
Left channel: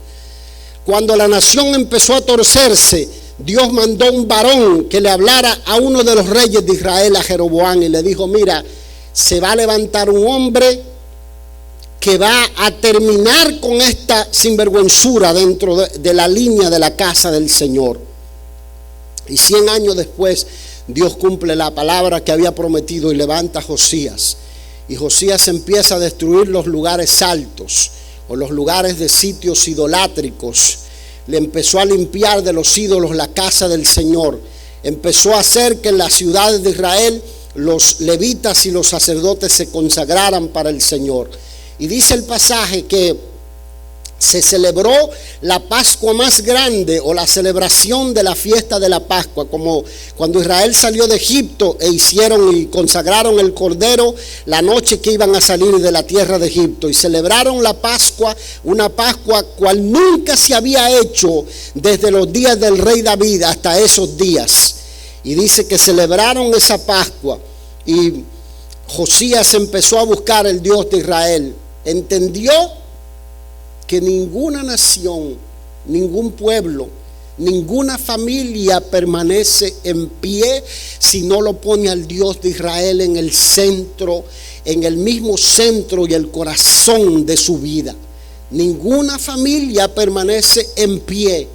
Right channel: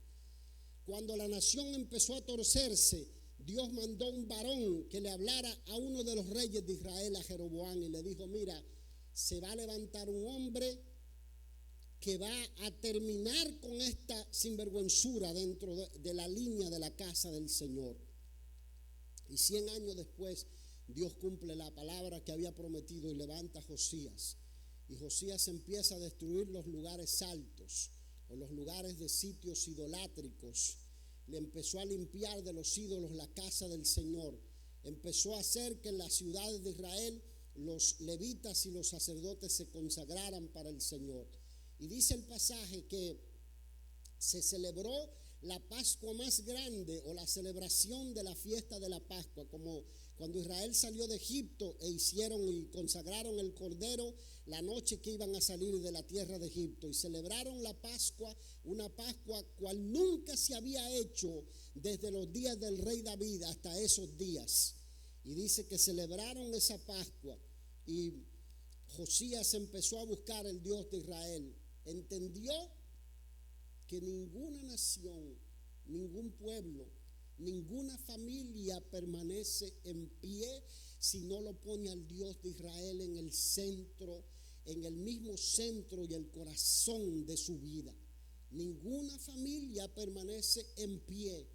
Cuando la nación empezó a torcerse, Dios mandó un varón que le hablara a uno de los reyes de Israel, a Jeroboam, y le dijo: mira, se va a levantar un hombre que va a terminar con esta sinvergüenzura dentro de la línea de la casa del Señor. Y 100 años después, Dios cumple la palabra que había prometido y levanta a Josías. Y Josías empieza a destruir los lugares altos o los lugares de sitios idolátricos. Le empezó a limpiar de los ídolos la casa del Señor. Empezó a hacer que en las ciudades de Israel los levitas y los sacerdotes se consagraran para el Señor. Y dice el pasaje que se celebró la Pascua más grande, o la celebración de la fiesta de la Pascua, como cuando Israel salió de Egipto e hicieron y consagraron el cordero la noche que iban a salir de la tierra de Egipto, y celebraron la Pascua, una Pascua cual nunca se había hecho desde los días del rey David hasta esos días. Y dice que celebraron esa Pascua, y Josías empezó a buscar el Dios de Israel. Entendió que ninguna nación, ningún pueblo, ninguna familia permanece en pie si no lo pone al Dios de Israel en el centro, en el mismo centro y el corazón de su vida. Ninguna familia permanece en pie.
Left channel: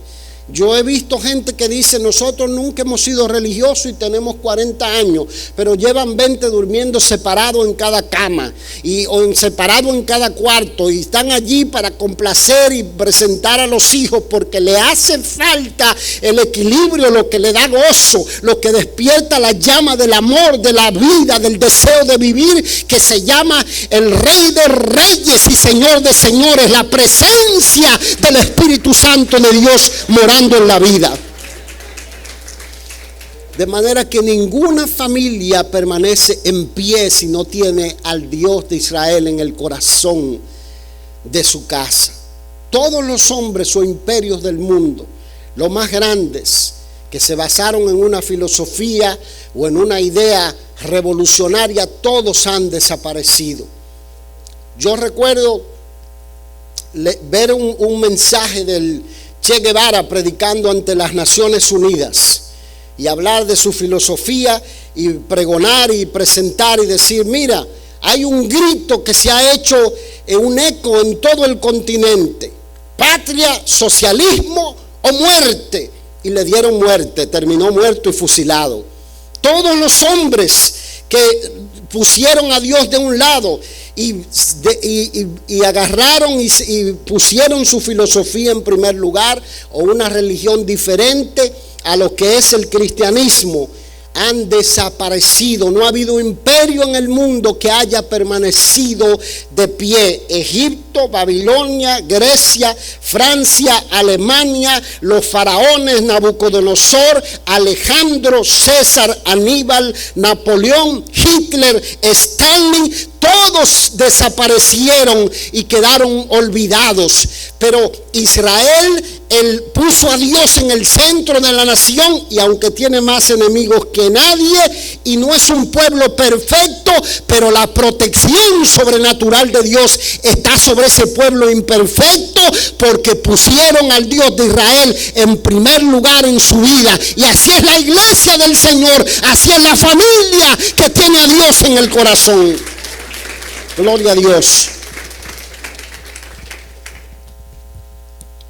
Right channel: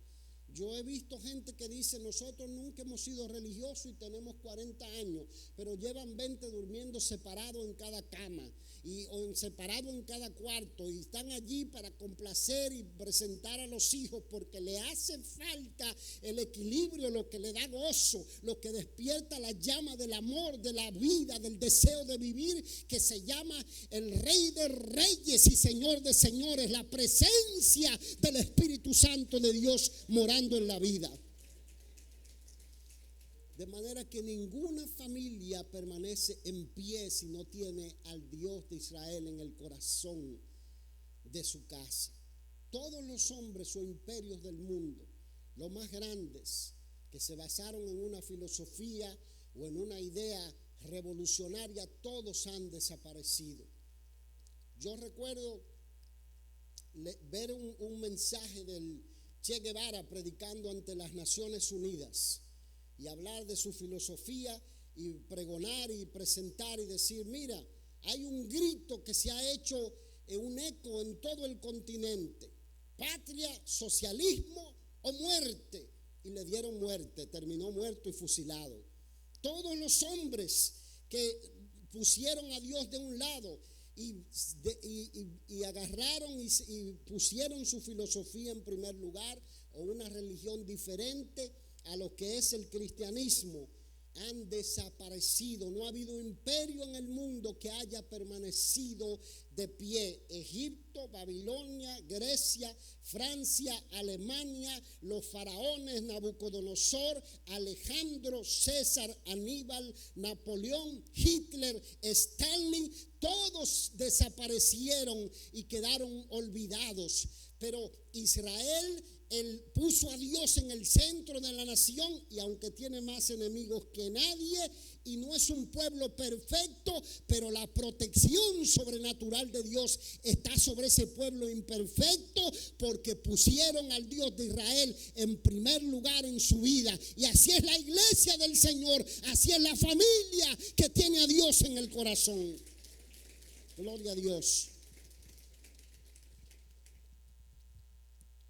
Yo he visto gente que dice: nosotros nunca hemos sido religiosos y tenemos 40 años, pero llevan 20 durmiendo separados en cada cama o separados en cada cuarto, y están allí para complacer y presentar a los hijos, porque le hace falta el equilibrio, lo que le da gozo, lo que despierta la llama del amor, de la vida, del deseo de vivir, que se llama el Rey de Reyes y Señor de Señores, la presencia del Espíritu Santo de Dios morando en la vida. De manera que ninguna familia permanece en pie si no tiene al Dios de Israel en el corazón de su casa. Todos los hombres o imperios del mundo, los más grandes, que se basaron en una filosofía o en una idea revolucionaria, todos han desaparecido. Yo recuerdo ver un mensaje del Che Guevara predicando ante las Naciones Unidas, y hablar de su filosofía y pregonar y presentar y decir: mira, hay un grito que se ha hecho un eco en todo el continente: patria, socialismo o muerte. Y le dieron muerte, terminó muerto y fusilado. Todos los hombres que pusieron a Dios de un lado y agarraron y pusieron su filosofía en primer lugar, o una religión diferente a lo que es el cristianismo, han desaparecido. No ha habido imperio en el mundo que haya permanecido de pie. Egipto, Babilonia, Grecia, Francia, Alemania, los faraones, Nabucodonosor, Alejandro, César, Aníbal, Napoleón, Hitler, Stalin, todos desaparecieron y quedaron olvidados. Pero Israel, él puso a Dios en el centro de la nación, y aunque tiene más enemigos que nadie y no es un pueblo perfecto, pero la protección sobrenatural de Dios está sobre ese pueblo imperfecto, porque pusieron al Dios de Israel en primer lugar en su vida. Y así es la iglesia del Señor, así es la familia que tiene a Dios en el corazón. Gloria a Dios.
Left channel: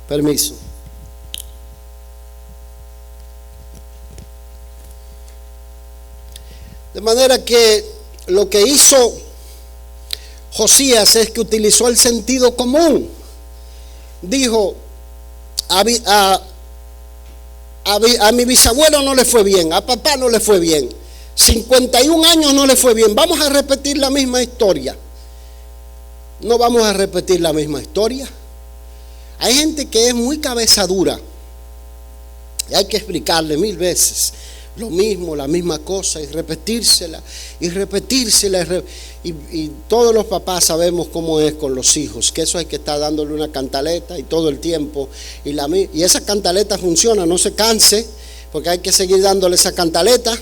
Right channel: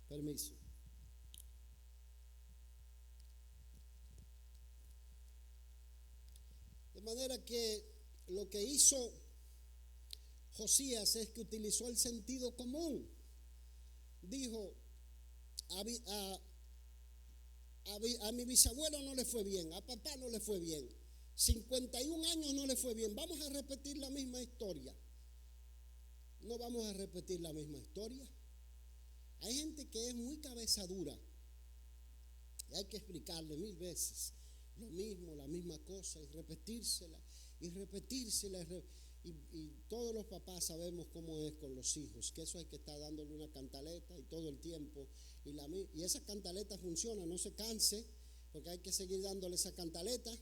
Permiso. De manera que lo que hizo Josías es que utilizó el sentido común. Dijo: a mi bisabuelo no le fue bien, a papá no le fue bien, 51 años no le fue bien, vamos a repetir la misma historia. No vamos a repetir la misma historia. Hay gente que es muy cabeza dura y hay que explicarle 1000 veces lo mismo, la misma cosa, y repetírsela y repetírsela. Y todos los papás sabemos cómo es con los hijos, que eso hay que estar dándole una cantaleta y todo el tiempo. Y esa cantaleta funciona, no se canse, porque hay que seguir dándole esa cantaleta,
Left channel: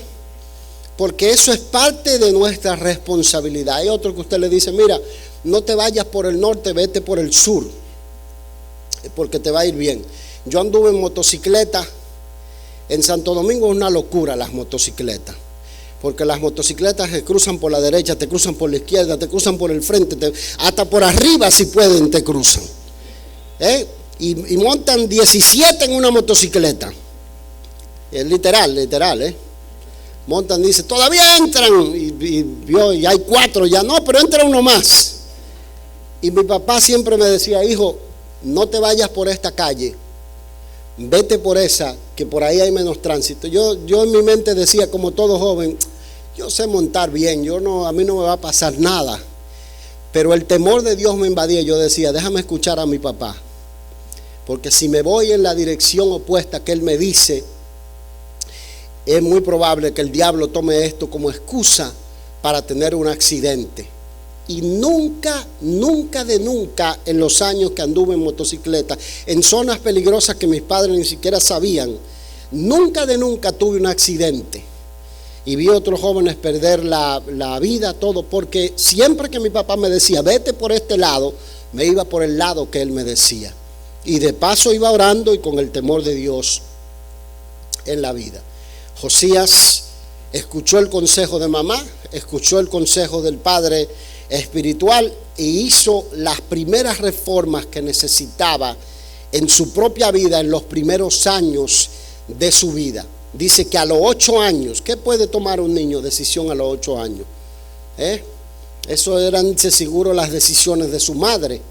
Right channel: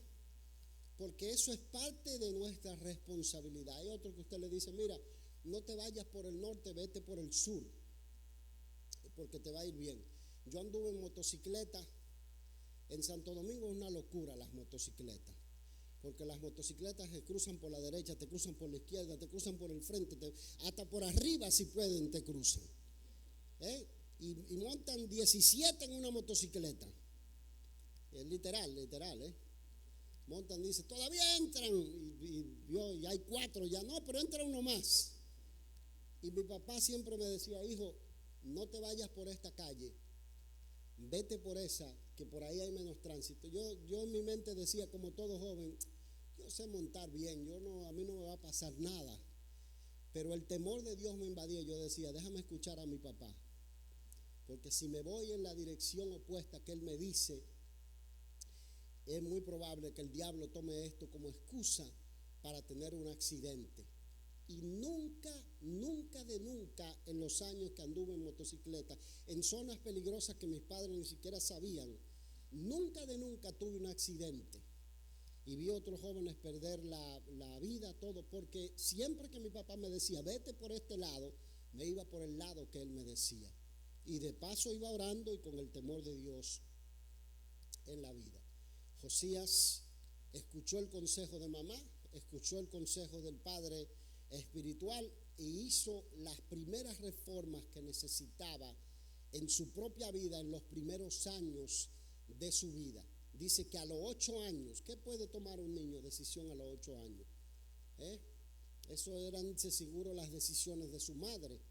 porque eso es parte de nuestra responsabilidad. Hay otro que usted le dice: mira, no te vayas por el norte, vete por el sur, porque te va a ir bien. Yo anduve en motocicleta en Santo Domingo. Es una locura las motocicletas, porque las motocicletas te cruzan por la derecha, te cruzan por la izquierda, te cruzan por el frente, hasta por arriba si pueden te cruzan, y montan 17 en una motocicleta. Es literal, montan, dice: todavía entran, y hay 4 ya, no, pero entra uno más. Y mi papá siempre me decía: hijo, no te vayas por esta calle, vete por esa, que por ahí hay menos tránsito. Yo en mi mente decía, como todo joven: yo sé montar bien, a mí no me va a pasar nada. Pero el temor de Dios me invadía. Yo decía: déjame escuchar a mi papá, porque si me voy en la dirección opuesta que Él me dice, es muy probable que el diablo tome esto como excusa para tener un accidente. Y nunca en los años que anduve en motocicleta, en zonas peligrosas que mis padres ni siquiera sabían, nunca tuve un accidente. Y vi a otros jóvenes perder la vida, todo, porque siempre que mi papá me decía, vete por este lado, me iba por el lado que él me decía. Y de paso iba orando y con el temor de Dios en la vida. Josías escuchó el consejo de mamá, escuchó el consejo del padre espiritual y hizo las primeras reformas que necesitaba en su propia vida en los primeros años de su vida. Dice que a los 8 años, ¿qué puede tomar un niño decisión a los 8 años? Eso eran seguro las decisiones de su madre.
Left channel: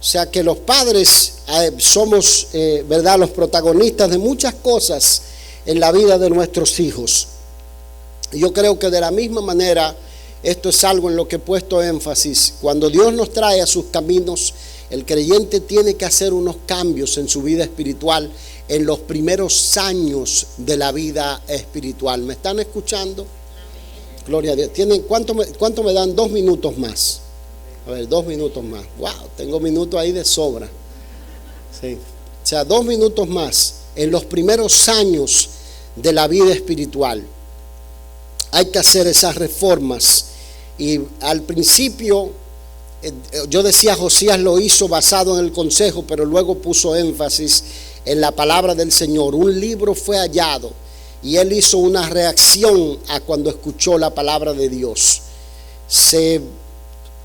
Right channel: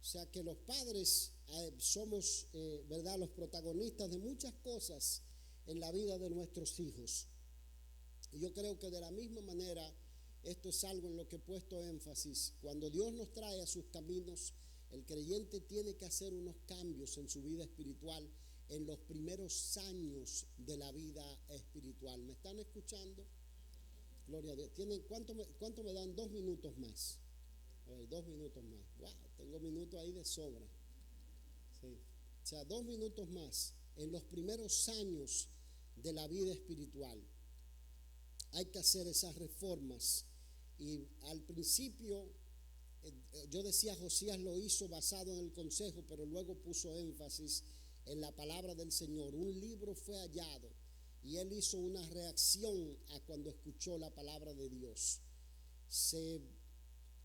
O sea que los padres somos, ¿verdad?, los protagonistas de muchas cosas en la vida de nuestros hijos. Yo creo que de la misma manera, esto es algo en lo que he puesto énfasis. Cuando Dios nos trae a sus caminos, el creyente tiene que hacer unos cambios en su vida espiritual en los primeros años de la vida espiritual. ¿Me están escuchando? Gloria a Dios. ¿Cuánto me dan? 2 minutos más. A ver, 2 minutos más. Wow, tengo minutos ahí de sobra. Sí. O sea, 2 minutos más en los primeros años de la vida espiritual. Hay que hacer esas reformas. Y al principio, yo decía, Josías lo hizo basado en el consejo, pero luego puso énfasis en la palabra del Señor. Un libro fue hallado y él hizo una reacción a cuando escuchó la palabra de Dios. Se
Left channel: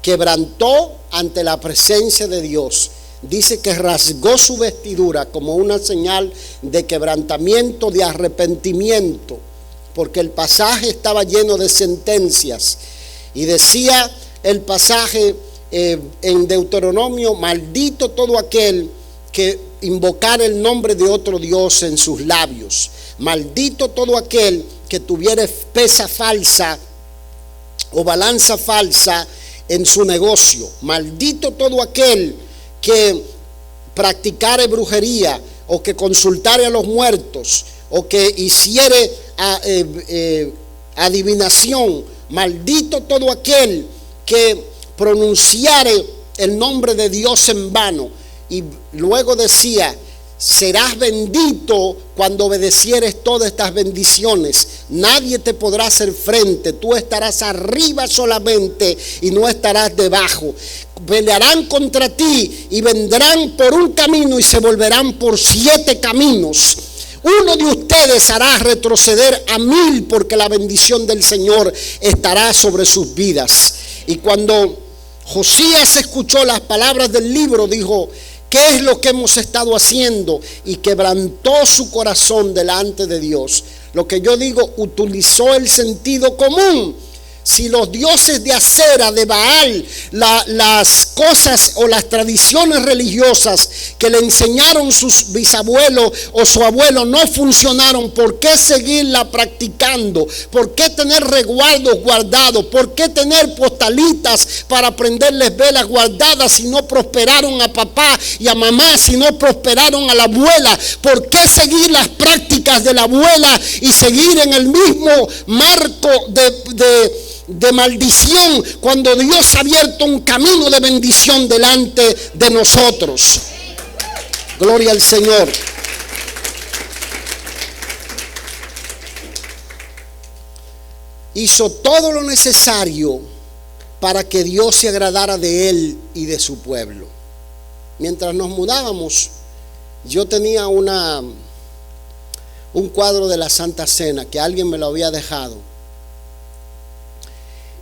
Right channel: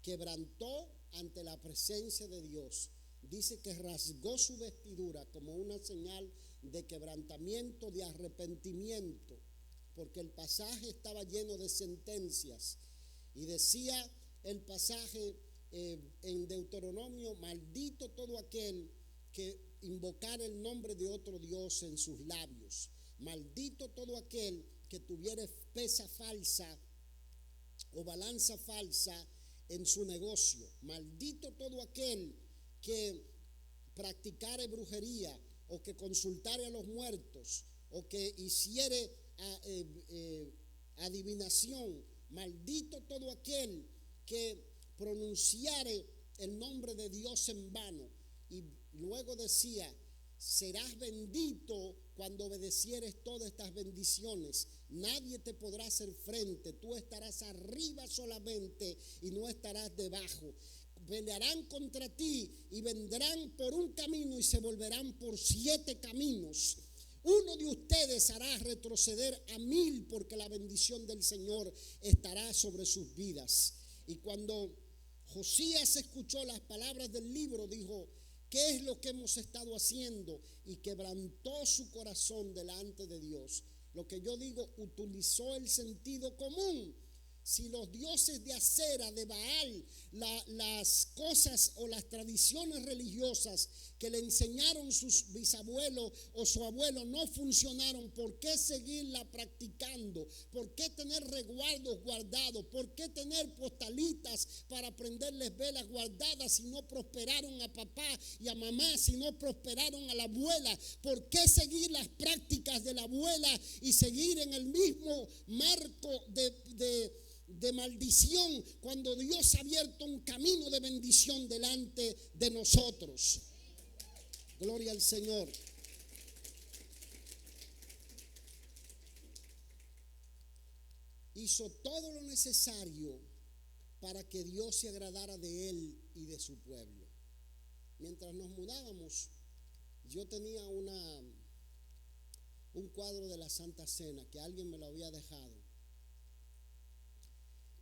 quebrantó ante la presencia de Dios. Dice que rasgó su vestidura como una señal de quebrantamiento, de arrepentimiento, porque el pasaje estaba lleno de sentencias. Y decía el pasaje en Deuteronomio, maldito todo aquel que invocar el nombre de otro Dios en sus labios. Maldito todo aquel que tuviera pesa falsa o balanza falsa en su negocio. Maldito todo aquel que practicare brujería o que consultare a los muertos o que hiciere adivinación. Maldito todo aquel que pronunciare el nombre de Dios en vano. Y luego decía, serás bendito cuando obedecieres todas estas bendiciones. Nadie te podrá hacer frente. Tú estarás arriba solamente y no estarás debajo. Pelearán contra ti y vendrán por un camino y se volverán por 7 caminos. Uno de ustedes hará retroceder a 1000, porque la bendición del Señor estará sobre sus vidas. Y cuando Josías escuchó las palabras del libro, dijo, ¿qué es lo que hemos estado haciendo? Y quebrantó su corazón delante de Dios. Lo que yo digo, utilizó el sentido común. Si los dioses de Acera, de Baal, las cosas o las tradiciones religiosas que le enseñaron sus bisabuelos o su abuelo no funcionaron, ¿por qué seguirla practicando? ¿Por qué tener resguardos guardados? ¿Por qué tener postalitas para prenderles velas guardadas si no prosperaron a papá y a mamá, si no prosperaron a la abuela? ¿Por qué seguir las prácticas de la abuela y seguir en el mismo marco de maldición cuando Dios ha abierto un camino de bendición delante de nosotros? Gloria al Señor. Hizo todo lo necesario para que Dios se agradara de él y de su pueblo. Mientras nos mudábamos, yo tenía un cuadro de la Santa Cena que alguien me lo había dejado.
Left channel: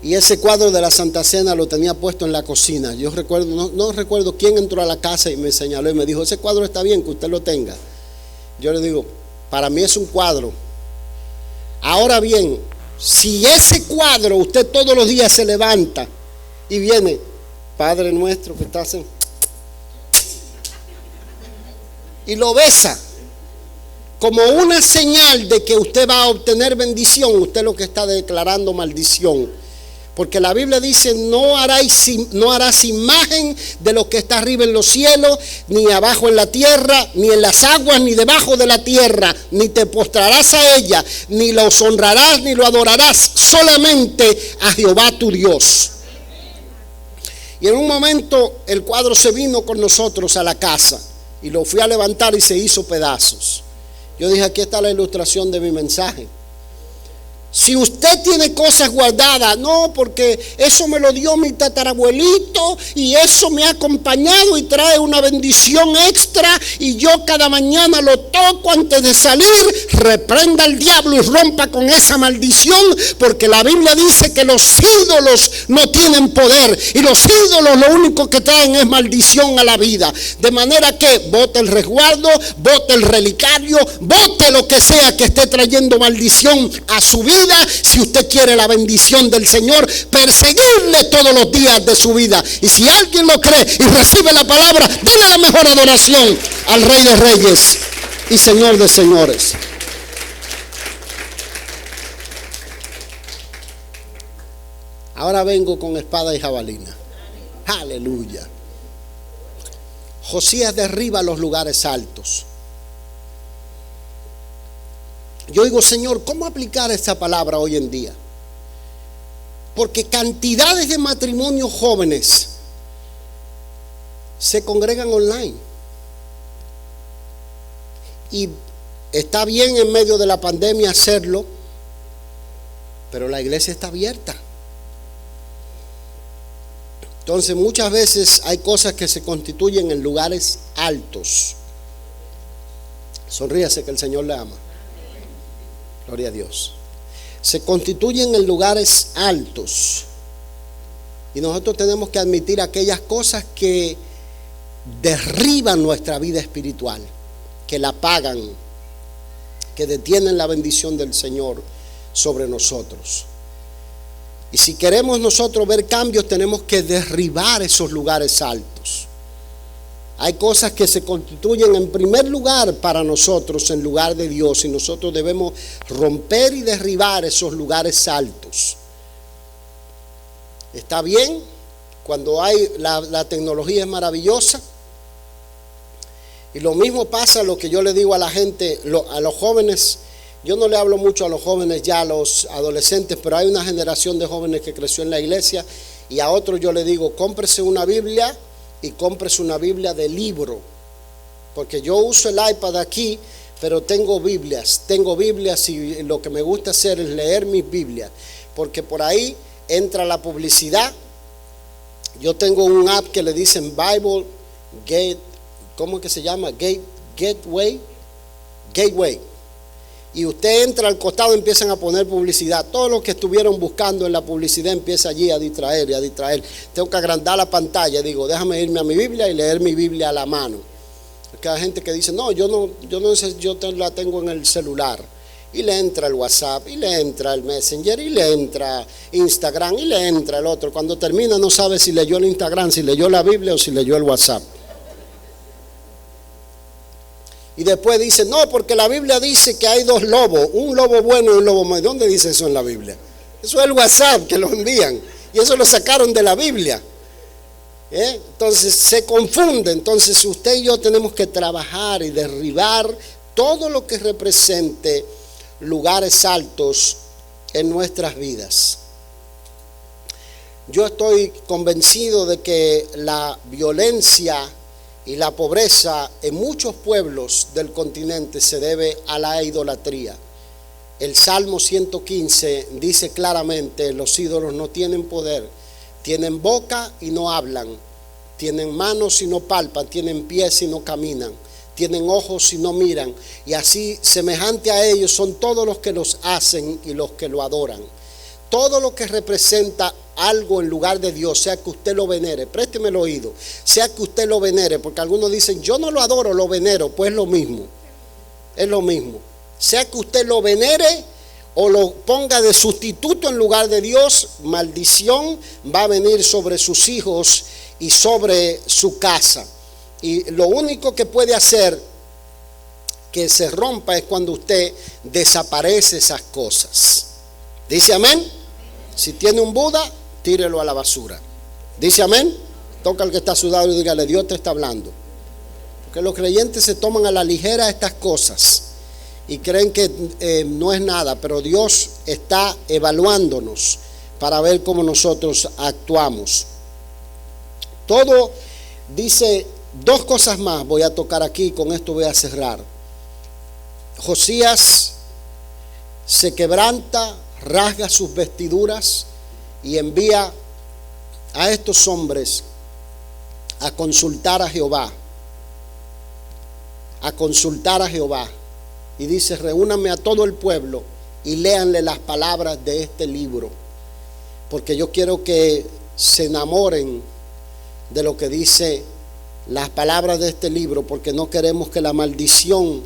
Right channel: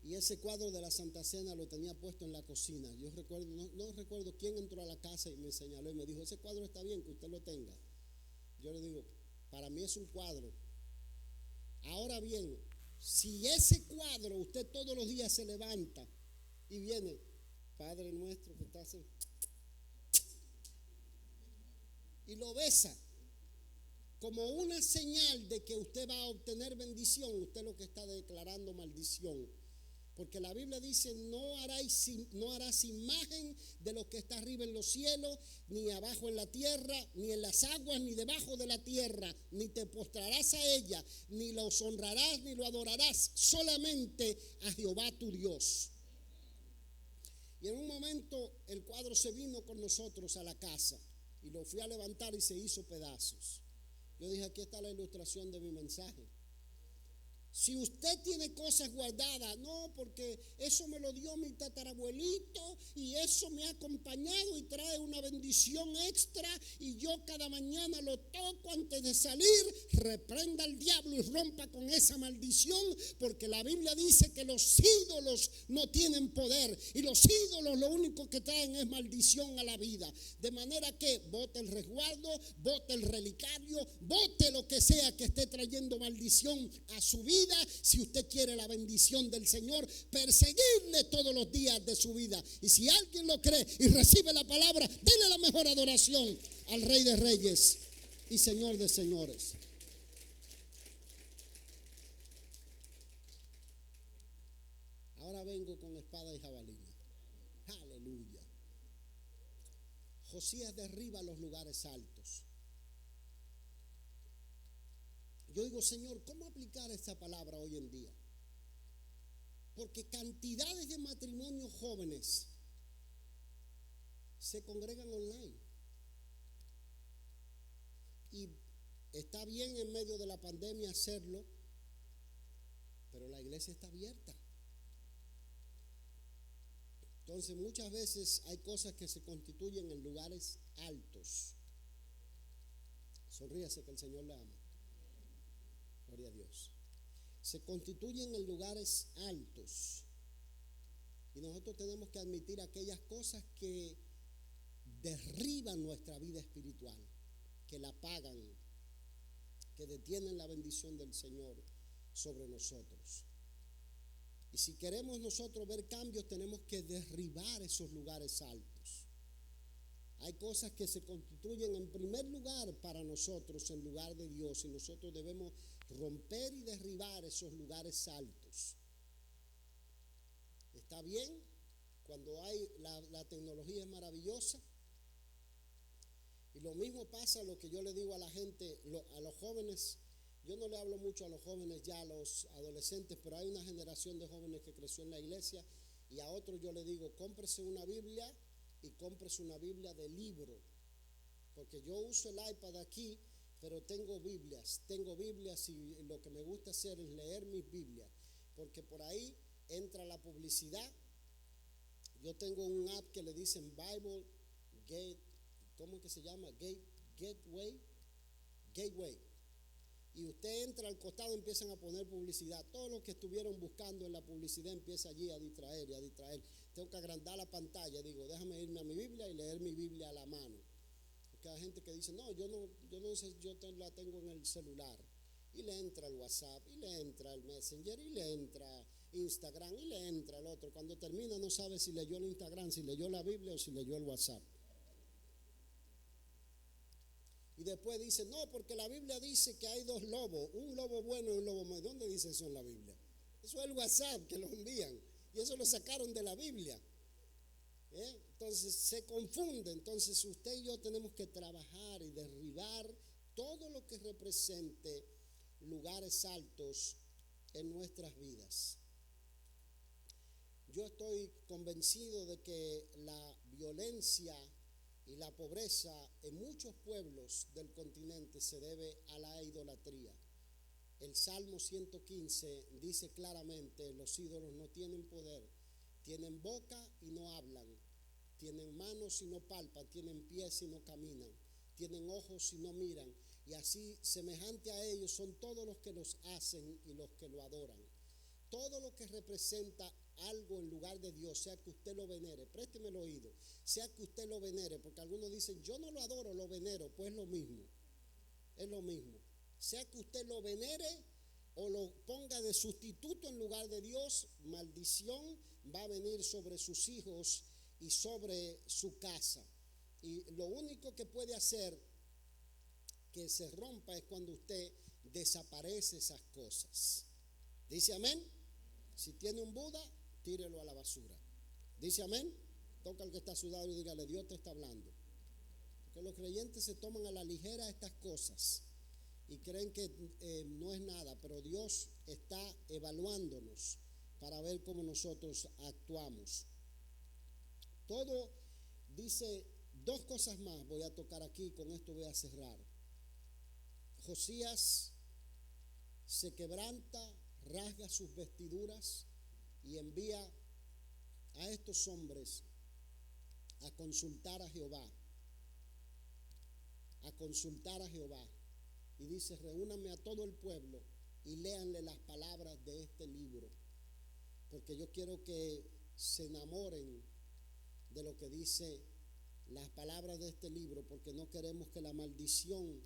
Y ese cuadro de la Santa Cena lo tenía puesto en la cocina. Yo recuerdo, no recuerdo quién entró a la casa y me señaló y me dijo, ese cuadro está bien que usted lo tenga. Yo le digo, para mí es un cuadro. Ahora bien, si ese cuadro usted todos los días se levanta y viene, Padre nuestro que estás en... y lo besa como una señal de que usted va a obtener bendición, usted lo que está declarando maldición. Porque la Biblia dice, no harás imagen de lo que está arriba en los cielos, ni abajo en la tierra, ni en las aguas, ni debajo de la tierra, ni te postrarás a ella, ni los honrarás, ni lo adorarás, solamente a Jehová tu Dios. Y en un momento el cuadro se vino con nosotros a la casa y lo fui a levantar y se hizo pedazos. Yo dije, aquí está la ilustración de mi mensaje. Si usted tiene cosas guardadas, no, porque eso me lo dio mi tatarabuelito y eso me ha acompañado y trae una bendición extra y yo cada mañana lo toco antes de salir, reprenda al diablo y rompa con esa maldición, porque la Biblia dice que los ídolos no tienen poder y los ídolos lo único que traen es maldición a la vida. De manera que bote el resguardo, bote el relicario, bote lo que sea que esté trayendo maldición a su vida. Si usted quiere la bendición del Señor, perseguirle todos los días de su vida. Y si alguien lo cree y recibe la palabra, denle la mejor adoración al Rey de Reyes y Señor de Señores. Ahora vengo con espada y jabalina. Aleluya. Josías derriba los lugares altos. Yo digo, Señor, ¿cómo aplicar esta palabra hoy en día? Porque cantidades de matrimonios jóvenes se congregan online. Y está bien en medio de la pandemia hacerlo, pero la iglesia está abierta. Entonces muchas veces hay cosas que se constituyen en lugares altos. Sonríase que el Señor le ama. Gloria a Dios. Se constituyen en lugares altos. Y nosotros tenemos que admitir aquellas cosas que derriban nuestra vida espiritual, que la apagan, que detienen la bendición del Señor sobre nosotros. Y si queremos nosotros ver cambios, tenemos que derribar esos lugares altos. Hay cosas que se constituyen en primer lugar para nosotros en lugar de Dios, y nosotros debemos romper y derribar esos lugares altos. Está bien, cuando hay la tecnología es maravillosa, y lo mismo pasa lo que yo le digo a la gente, a los jóvenes. Yo no le hablo mucho a los jóvenes ya, a los adolescentes, pero hay una generación de jóvenes que creció en la iglesia, y a otros yo le digo, cómprese una Biblia y cómprese una Biblia de libro, porque yo uso el iPad aquí, pero tengo Biblias y lo que me gusta hacer es leer mis Biblias, porque por ahí entra la publicidad. Yo tengo un app que le dicen Bible Gate, ¿cómo es que se llama? Gateway. Y usted entra al costado y empiezan a poner publicidad. Todo lo que estuvieron buscando en la publicidad empieza allí a distraer y a distraer. Tengo que agrandar la pantalla. Digo, déjame irme a mi Biblia y leer mi Biblia a la mano. Porque hay gente que dice, no, yo la tengo en el celular. Y le entra el WhatsApp, y le entra el Messenger, y le entra Instagram, y le entra el otro. Cuando termina no sabe si leyó el Instagram, si leyó la Biblia o si leyó el WhatsApp. Y después dice, no, porque la Biblia dice que hay dos lobos, un lobo bueno y un lobo malo. ¿Dónde dice eso en la Biblia? Eso es el WhatsApp que lo envían, y eso lo sacaron de la Biblia. Entonces se confunde. Entonces usted y yo tenemos que trabajar y derribar todo lo que represente lugares altos en nuestras vidas. Yo estoy convencido de que la violencia y la pobreza en muchos pueblos del continente se debe a la idolatría. El Salmo 115 dice claramente, los ídolos no tienen poder, tienen boca y no hablan, tienen manos y no palpan, tienen pies y no caminan, tienen ojos y no miran, y así semejante a ellos son todos los que los hacen y los que lo adoran. Todo lo que representa algo en lugar de Dios, sea que usted lo venere, présteme el oído, sea que usted lo venere, porque algunos dicen, yo no lo adoro, lo venero. Pues es lo mismo, sea que usted lo venere o lo ponga de sustituto en lugar de Dios, maldición va a venir sobre sus hijos y sobre su casa. Y lo único que puede hacer que se rompa es cuando usted desaparece esas cosas. ¿Dice amén? Si tiene un Buda, tírelo a la basura. Dice amén. Toca al que está a su lado y dígale, Dios te está hablando. Porque los creyentes se toman a la ligera estas cosas y creen que no es nada, pero Dios está evaluándonos para ver cómo nosotros actuamos. Todo dice, dos cosas más voy a tocar aquí, con esto voy a cerrar. Josías se quebranta, rasga sus vestiduras y envía a estos hombres a consultar a Jehová. A consultar a Jehová. Y dice, reúnanme a todo el pueblo y léanle las palabras de este libro. Porque yo quiero que se enamoren de lo que dice las palabras de este libro, porque no queremos que la maldición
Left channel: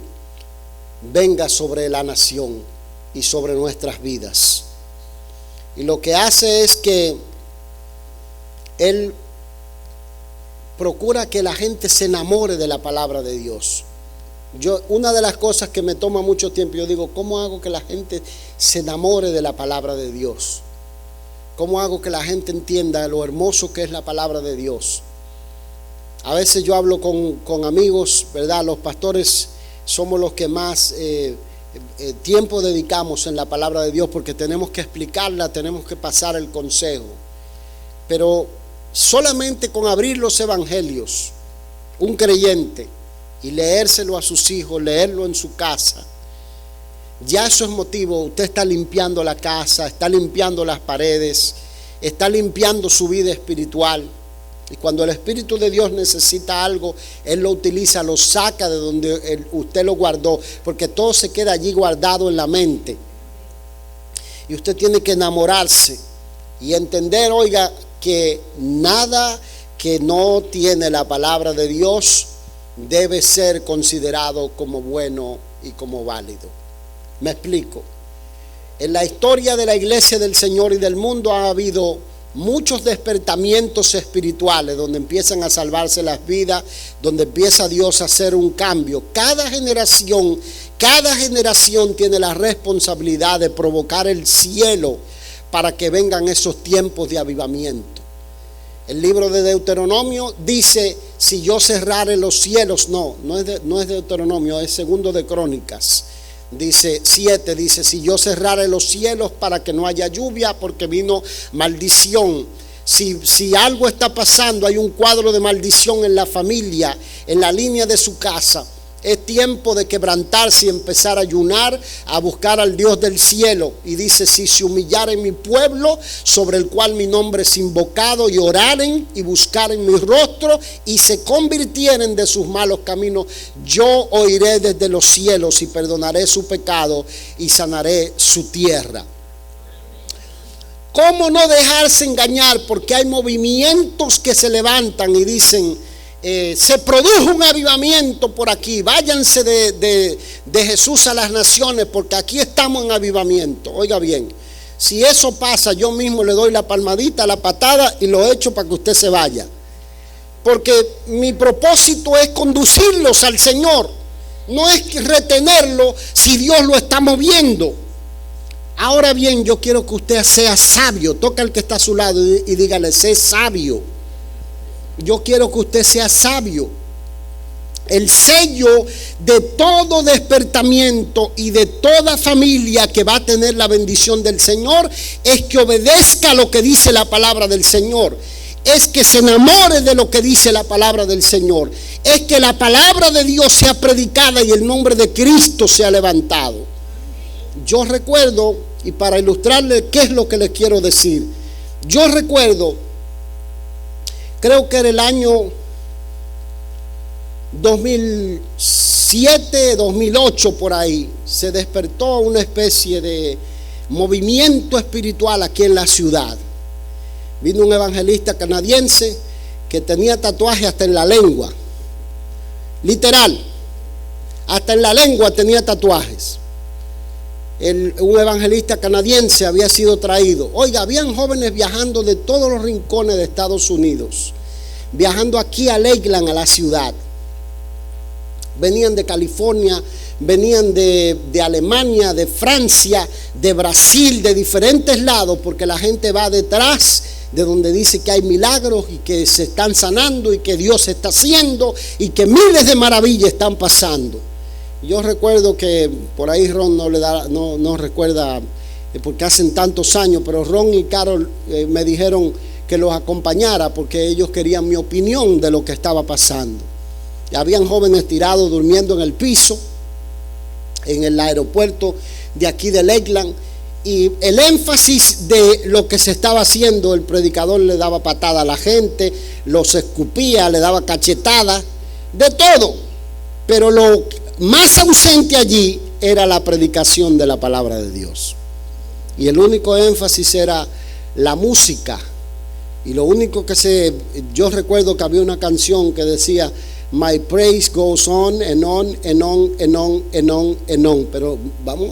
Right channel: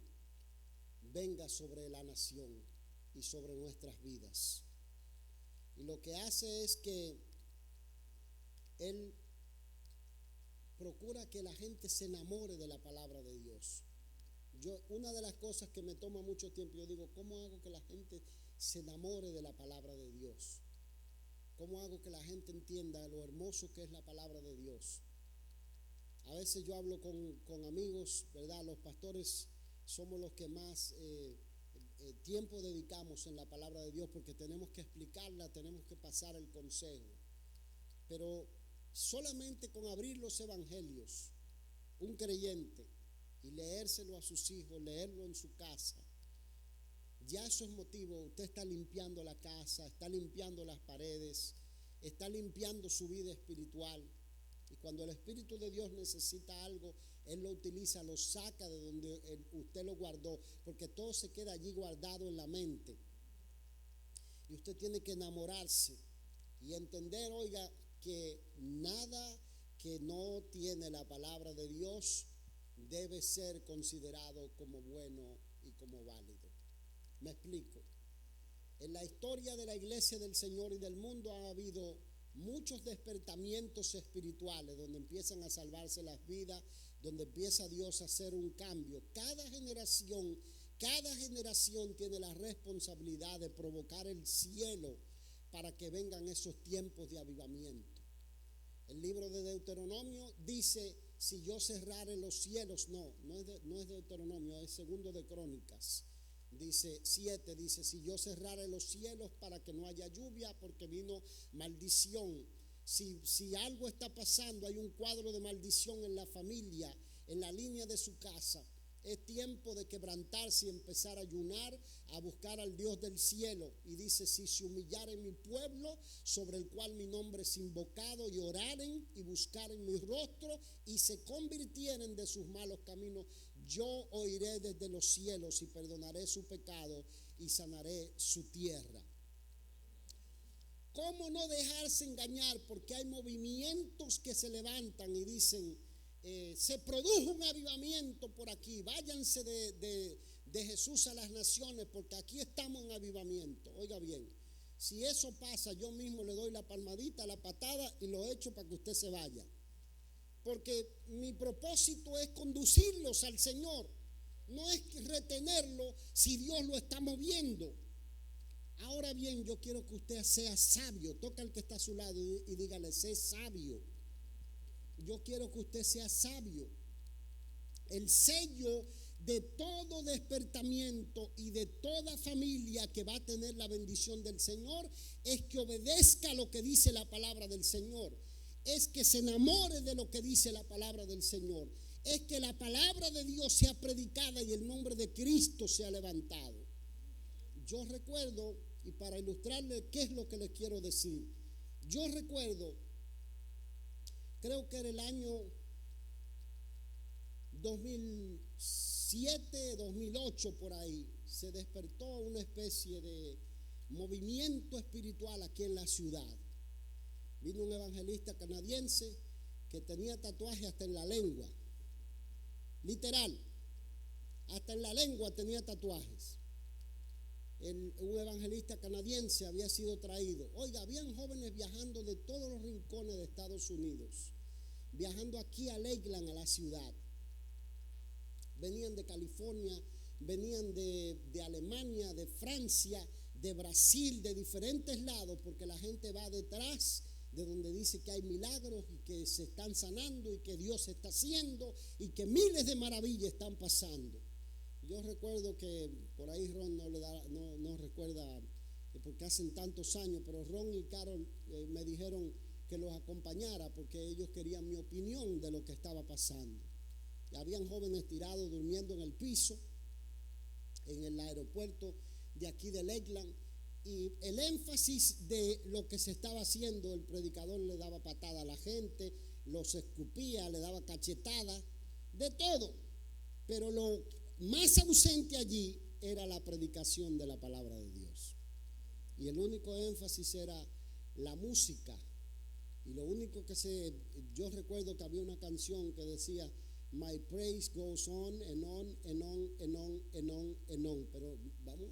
venga sobre la nación y sobre nuestras vidas. Y lo que hace es que él procura que la gente se enamore de la palabra de Dios. Una de las cosas que me toma mucho tiempo, yo digo, ¿cómo hago que la gente se enamore de la palabra de Dios? ¿Cómo hago que la gente entienda lo hermoso que es la palabra de Dios? A veces yo hablo con amigos, ¿verdad? Los pastores somos los que más tiempo dedicamos en la palabra de Dios, porque tenemos que explicarla, tenemos que pasar el consejo. Pero solamente con abrir los evangelios, un creyente, y leérselo a sus hijos, leerlo en su casa, ya eso es motivo. Usted está limpiando la casa, está limpiando las paredes, está limpiando su vida espiritual. Y cuando el Espíritu de Dios necesita algo, Él lo utiliza, lo saca de donde usted lo guardó, porque todo se queda allí guardado en la mente. Y usted tiene que enamorarse y entender, oiga, que nada que no tiene la palabra de Dios debe ser considerado como bueno y como válido. Me explico. En la historia de la iglesia del Señor y del mundo ha habido muchos despertamientos espirituales donde empiezan a salvarse las vidas, donde empieza Dios a hacer un cambio. Cada generación tiene la responsabilidad de provocar el cielo para que vengan esos tiempos de avivamiento. El libro de Deuteronomio dice, si yo cerrare los cielos, no es Deuteronomio, es segundo de Crónicas. Dice 7, dice, si yo cerrare los cielos para que no haya lluvia, porque vino maldición. Si algo está pasando, hay un cuadro de maldición en la familia, en la línea de su casa, es tiempo de quebrantarse y empezar a ayunar, a buscar al Dios del cielo. Y dice, si se humillaren mi pueblo, sobre el cual mi nombre es invocado, y oraren y buscaren mi rostro, y se convirtieren de sus malos caminos, yo oiré desde los cielos y perdonaré su pecado y sanaré su tierra. ¿Cómo no dejarse engañar? Porque hay movimientos que se levantan y dicen, se produjo un avivamiento por aquí, váyanse de Jesús a las naciones, porque aquí estamos en avivamiento. Oiga bien, si eso pasa, yo mismo le doy la palmadita, la patada y lo echo para que usted se vaya, porque mi propósito es conducirlos al Señor, no es retenerlo si Dios lo está moviendo. Ahora bien, yo quiero que usted sea sabio. Toca al que está a su lado y dígale, sé sabio. Yo quiero que usted sea sabio. El sello de todo despertamiento y de toda familia que va a tener la bendición del Señor es que obedezca lo que dice la palabra del Señor. Es que se enamore de lo que dice la palabra del Señor. Es que la palabra de Dios sea predicada y el nombre de Cristo sea levantado. Yo recuerdo, y para ilustrarle qué es lo que les quiero decir, yo recuerdo, creo que era el año 2007, 2008 por ahí, se despertó una especie de movimiento espiritual aquí en la ciudad. Vino un evangelista canadiense que tenía tatuaje hasta en la lengua, literal, hasta en la lengua tenía tatuajes. Un evangelista canadiense había sido traído. Oiga, habían jóvenes viajando de todos los rincones de Estados Unidos, viajando aquí a Lakeland, a la ciudad. Venían de California, venían de Alemania, de Francia, de Brasil, de diferentes lados, porque la gente va detrás de donde dice que hay milagros y que se están sanando y que Dios está haciendo y que miles de maravillas están pasando. Yo recuerdo que por ahí Ron no recuerda porque hacen tantos años, pero Ron y Carol me dijeron que los acompañara porque ellos querían mi opinión de lo que estaba pasando. Y habían jóvenes tirados durmiendo en el piso en el aeropuerto de aquí de Lakeland, y el énfasis de lo que se estaba haciendo, el predicador le daba patada a la gente, los escupía, le daba cachetada, de todo, pero lo más ausente allí era la predicación de la palabra de Dios, y el único énfasis era la música. Y lo único yo recuerdo que había una canción que decía My praise goes on and on and on and on and on and on. Pero vamos,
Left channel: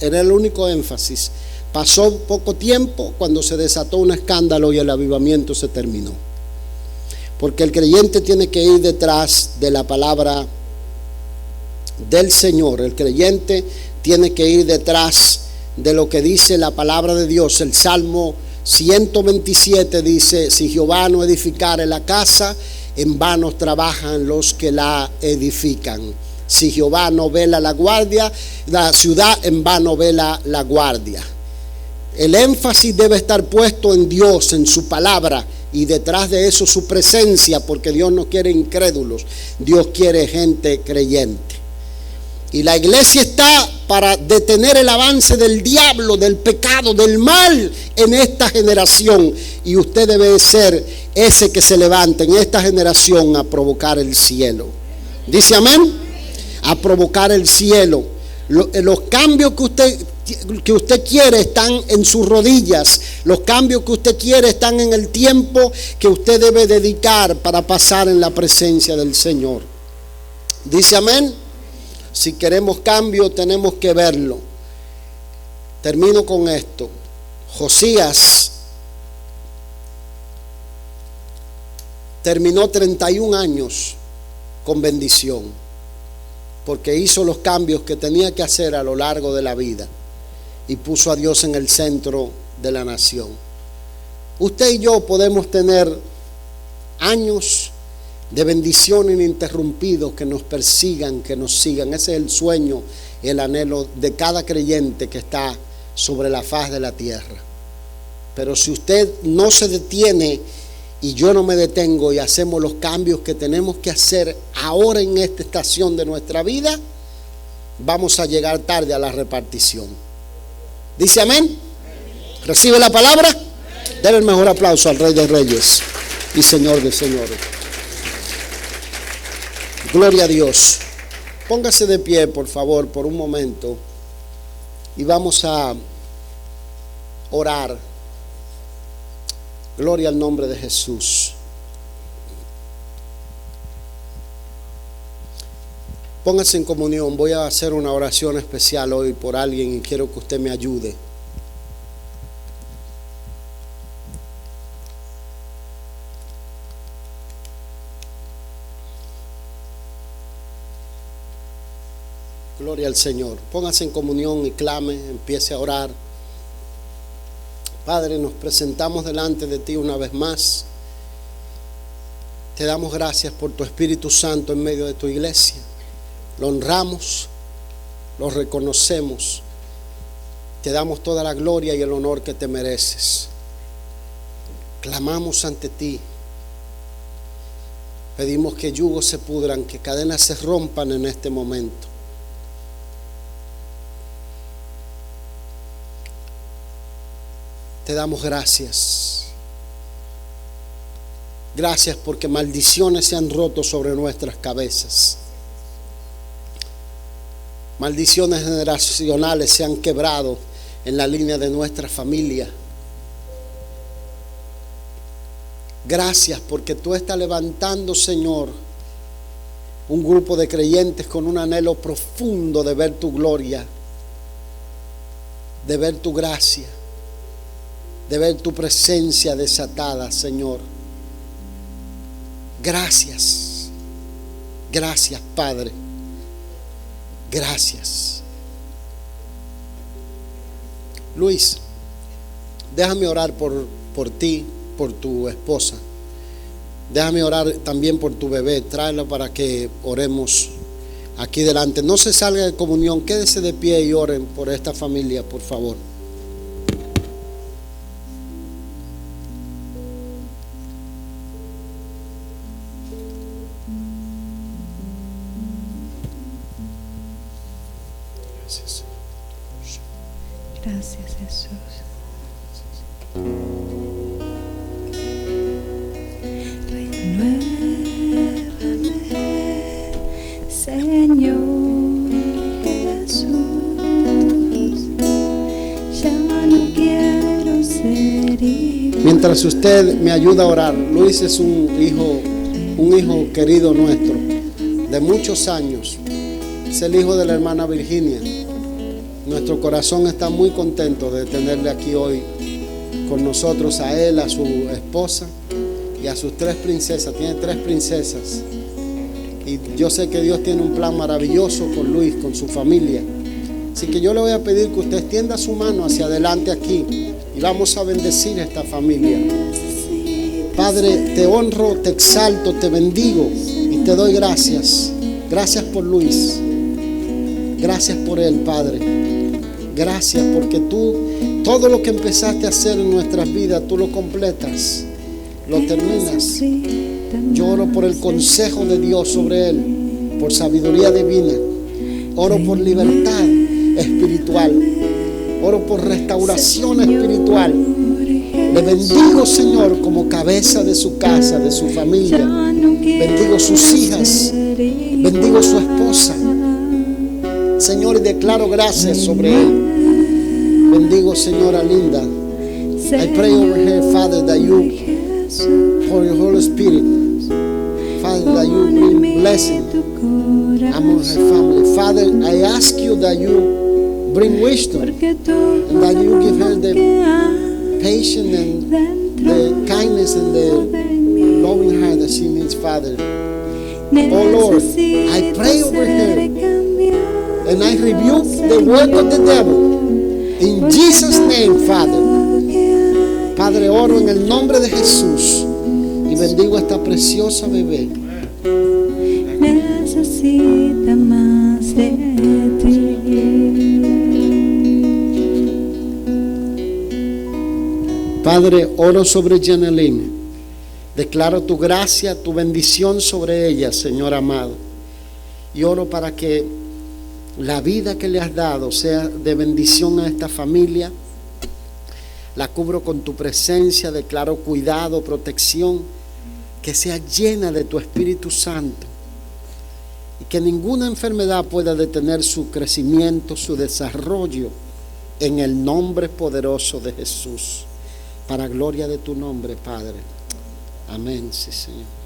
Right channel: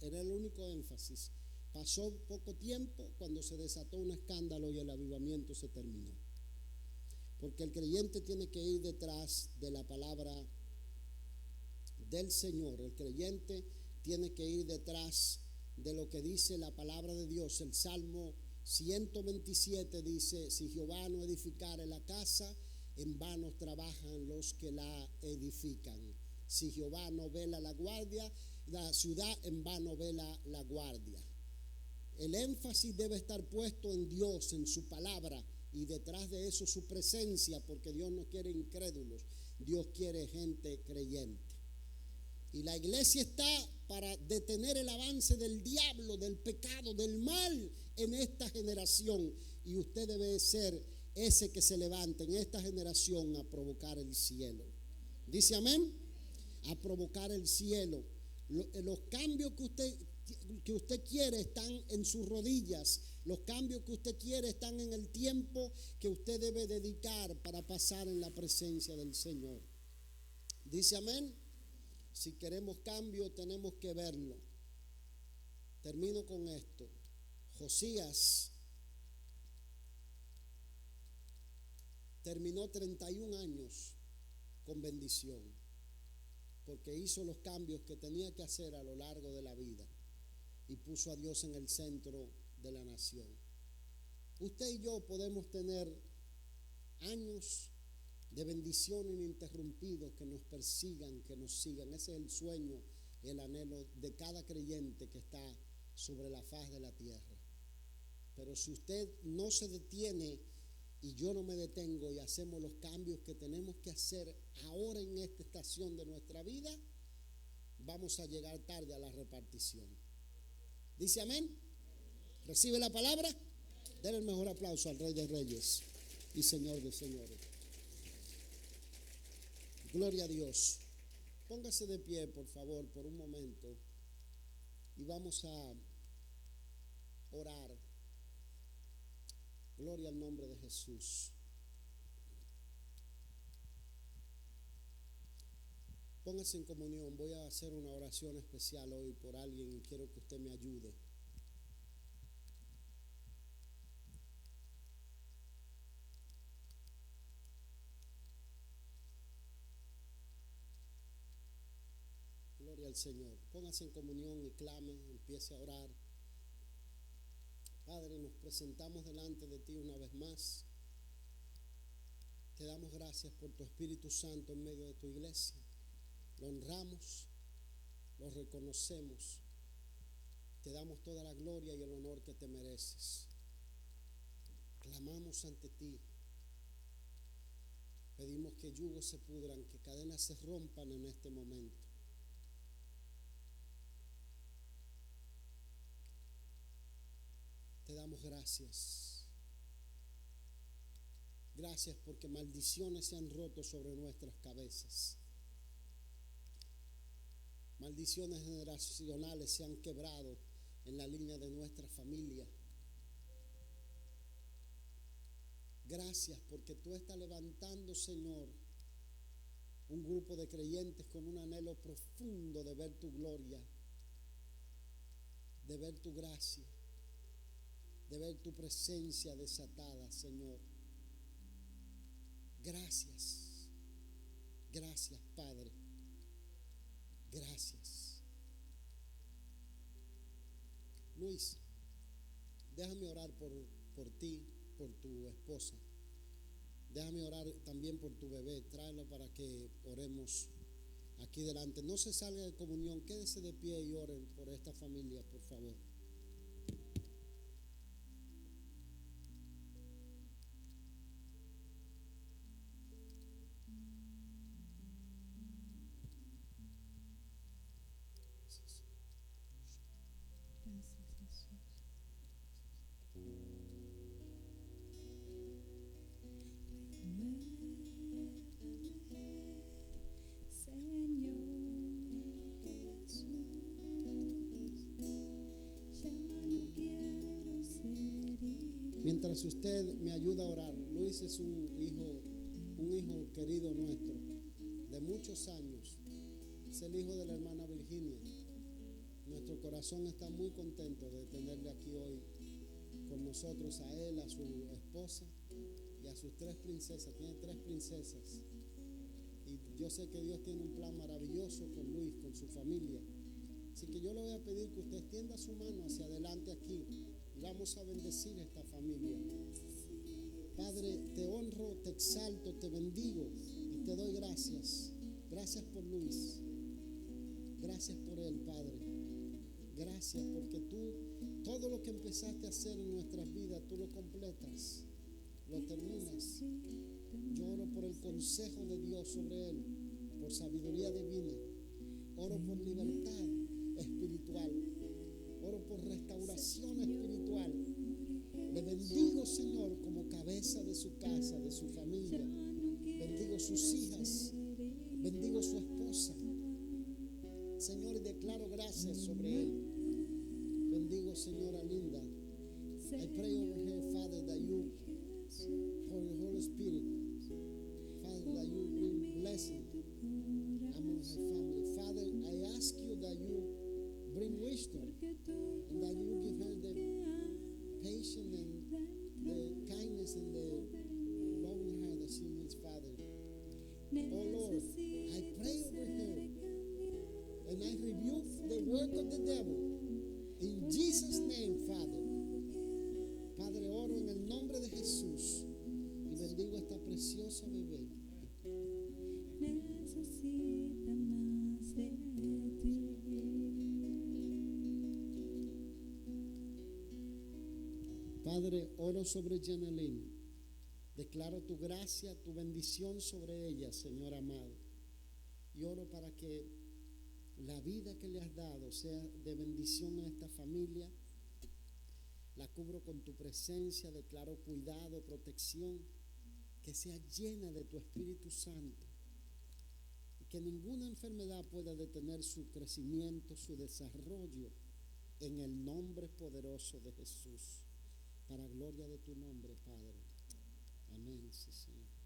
era el único énfasis. Pasó poco tiempo cuando se desató un escándalo y el avivamiento se terminó. Porque el creyente tiene que ir detrás de la palabra del Señor. El creyente tiene que ir detrás de lo que dice la palabra de Dios. El Salmo 127 dice: si Jehová no edificare la casa, en vano trabajan los que la edifican. Si Jehová no vela la guardia, la ciudad, en vano vela la guardia. El énfasis debe estar puesto en Dios, en su palabra, y detrás de eso su presencia, porque Dios no quiere incrédulos, Dios quiere gente creyente. Y la iglesia está para detener el avance del diablo, del pecado, del mal en esta generación. Y usted debe ser ese que se levanta en esta generación a provocar el cielo. ¿Dice amén? A provocar el cielo. Los cambios que usted quiere están en sus rodillas. Los cambios que usted quiere están en el tiempo que usted debe dedicar para pasar en la presencia del Señor. ¿Dice amén? Si queremos cambio, tenemos que verlo. Termino con esto. Josías terminó 31 años con bendición, porque hizo los cambios que tenía que hacer a lo largo de la vida y puso a Dios en el centro de la nación. Usted y yo podemos tener años de bendición ininterrumpidos que nos persigan, que nos sigan. Ese es el sueño, el anhelo de cada creyente que está sobre la faz de la tierra. Pero si usted no se detiene y yo no me detengo y hacemos los cambios que tenemos que hacer ahora en esta estación de nuestra vida, vamos a llegar tarde a la repartición. ¿Dice amén? ¿Recibe la palabra? Denle el mejor aplauso al Rey de Reyes y Señor de Señores. Gloria a Dios. Póngase de pie, por favor, por un momento, y vamos a orar. Gloria al nombre de Jesús. Póngase en comunión. Voy a hacer una oración especial hoy por alguien y quiero que usted me ayude. Gloria al Señor. Póngase en comunión y clame, empiece a orar. Padre, nos presentamos delante de ti una vez más. Te damos gracias por tu Espíritu Santo en medio de tu iglesia. Lo honramos, lo reconocemos. Te damos toda la gloria y el honor que te mereces. Clamamos ante ti. Pedimos que yugos se pudran, que cadenas se rompan en este momento. Te damos gracias. Gracias porque maldiciones se han roto sobre nuestras cabezas. Maldiciones generacionales se han quebrado en la línea de nuestra familia. Gracias porque tú estás levantando, Señor, un grupo de creyentes con un anhelo profundo de ver tu gloria, de ver tu gracia, de ver tu presencia desatada, Señor. Gracias, gracias, Padre. Gracias. Luis, déjame orar por ti, por tu esposa. Déjame orar también por tu bebé. Tráela para que oremos aquí delante. No se salga de comunión. Quédese de pie y oren por esta familia, por favor. Gracias, Jesús. Renuévame, Señor Jesús. Ya no quiero ser igual. Mientras usted me ayuda a orar, Luis es un hijo querido nuestro, de muchos años. Es el hijo de la hermana Virginia. Nuestro corazón está muy contento de tenerle aquí hoy con nosotros, a él, a su esposa y a sus 3 princesas. Tiene 3 princesas. Y yo sé que Dios tiene un plan maravilloso con Luis, con su familia. Así que yo le voy a pedir que usted extienda su mano hacia adelante aquí y vamos a bendecir a esta familia. Padre, te honro, te exalto, te bendigo y te doy gracias. Gracias por Luis. Gracias por él, Padre. Gracias porque tú, todo lo que empezaste a hacer en nuestras vidas, tú lo completas, lo terminas. Yo oro por el consejo de Dios sobre él, por sabiduría divina. Oro por libertad espiritual. Oro por restauración espiritual. Le bendigo, Señor, como cabeza de su casa, de su familia. Bendigo sus hijas. Bendigo su esposa. Señor, y declaro gracias sobre él. Bendigo, Señora Linda. I pray over her, Father, that you, for your Holy Spirit, Father, that you bring blessing among her family. Father, I ask you that you bring wisdom and that you give her the patience and the kindness and the loving heart that she needs, Father. Oh Lord, I pray over her. And I rebuke the work of the devil in Jesus' name, Father. Padre, oro en el nombre de Jesús y bendigo a esta preciosa bebé. Necesita más de ti. Padre, oro sobre Janeline. Declaro tu gracia, tu bendición sobre ella, Señor amado. Y oro para que la vida que le has dado sea de bendición a esta familia. La cubro con tu presencia, declaro cuidado, protección, que sea llena de tu Espíritu Santo y que ninguna enfermedad pueda detener su crecimiento, su desarrollo, en el nombre poderoso de Jesús, para gloria de tu nombre, Padre. Amén, sí, Señor.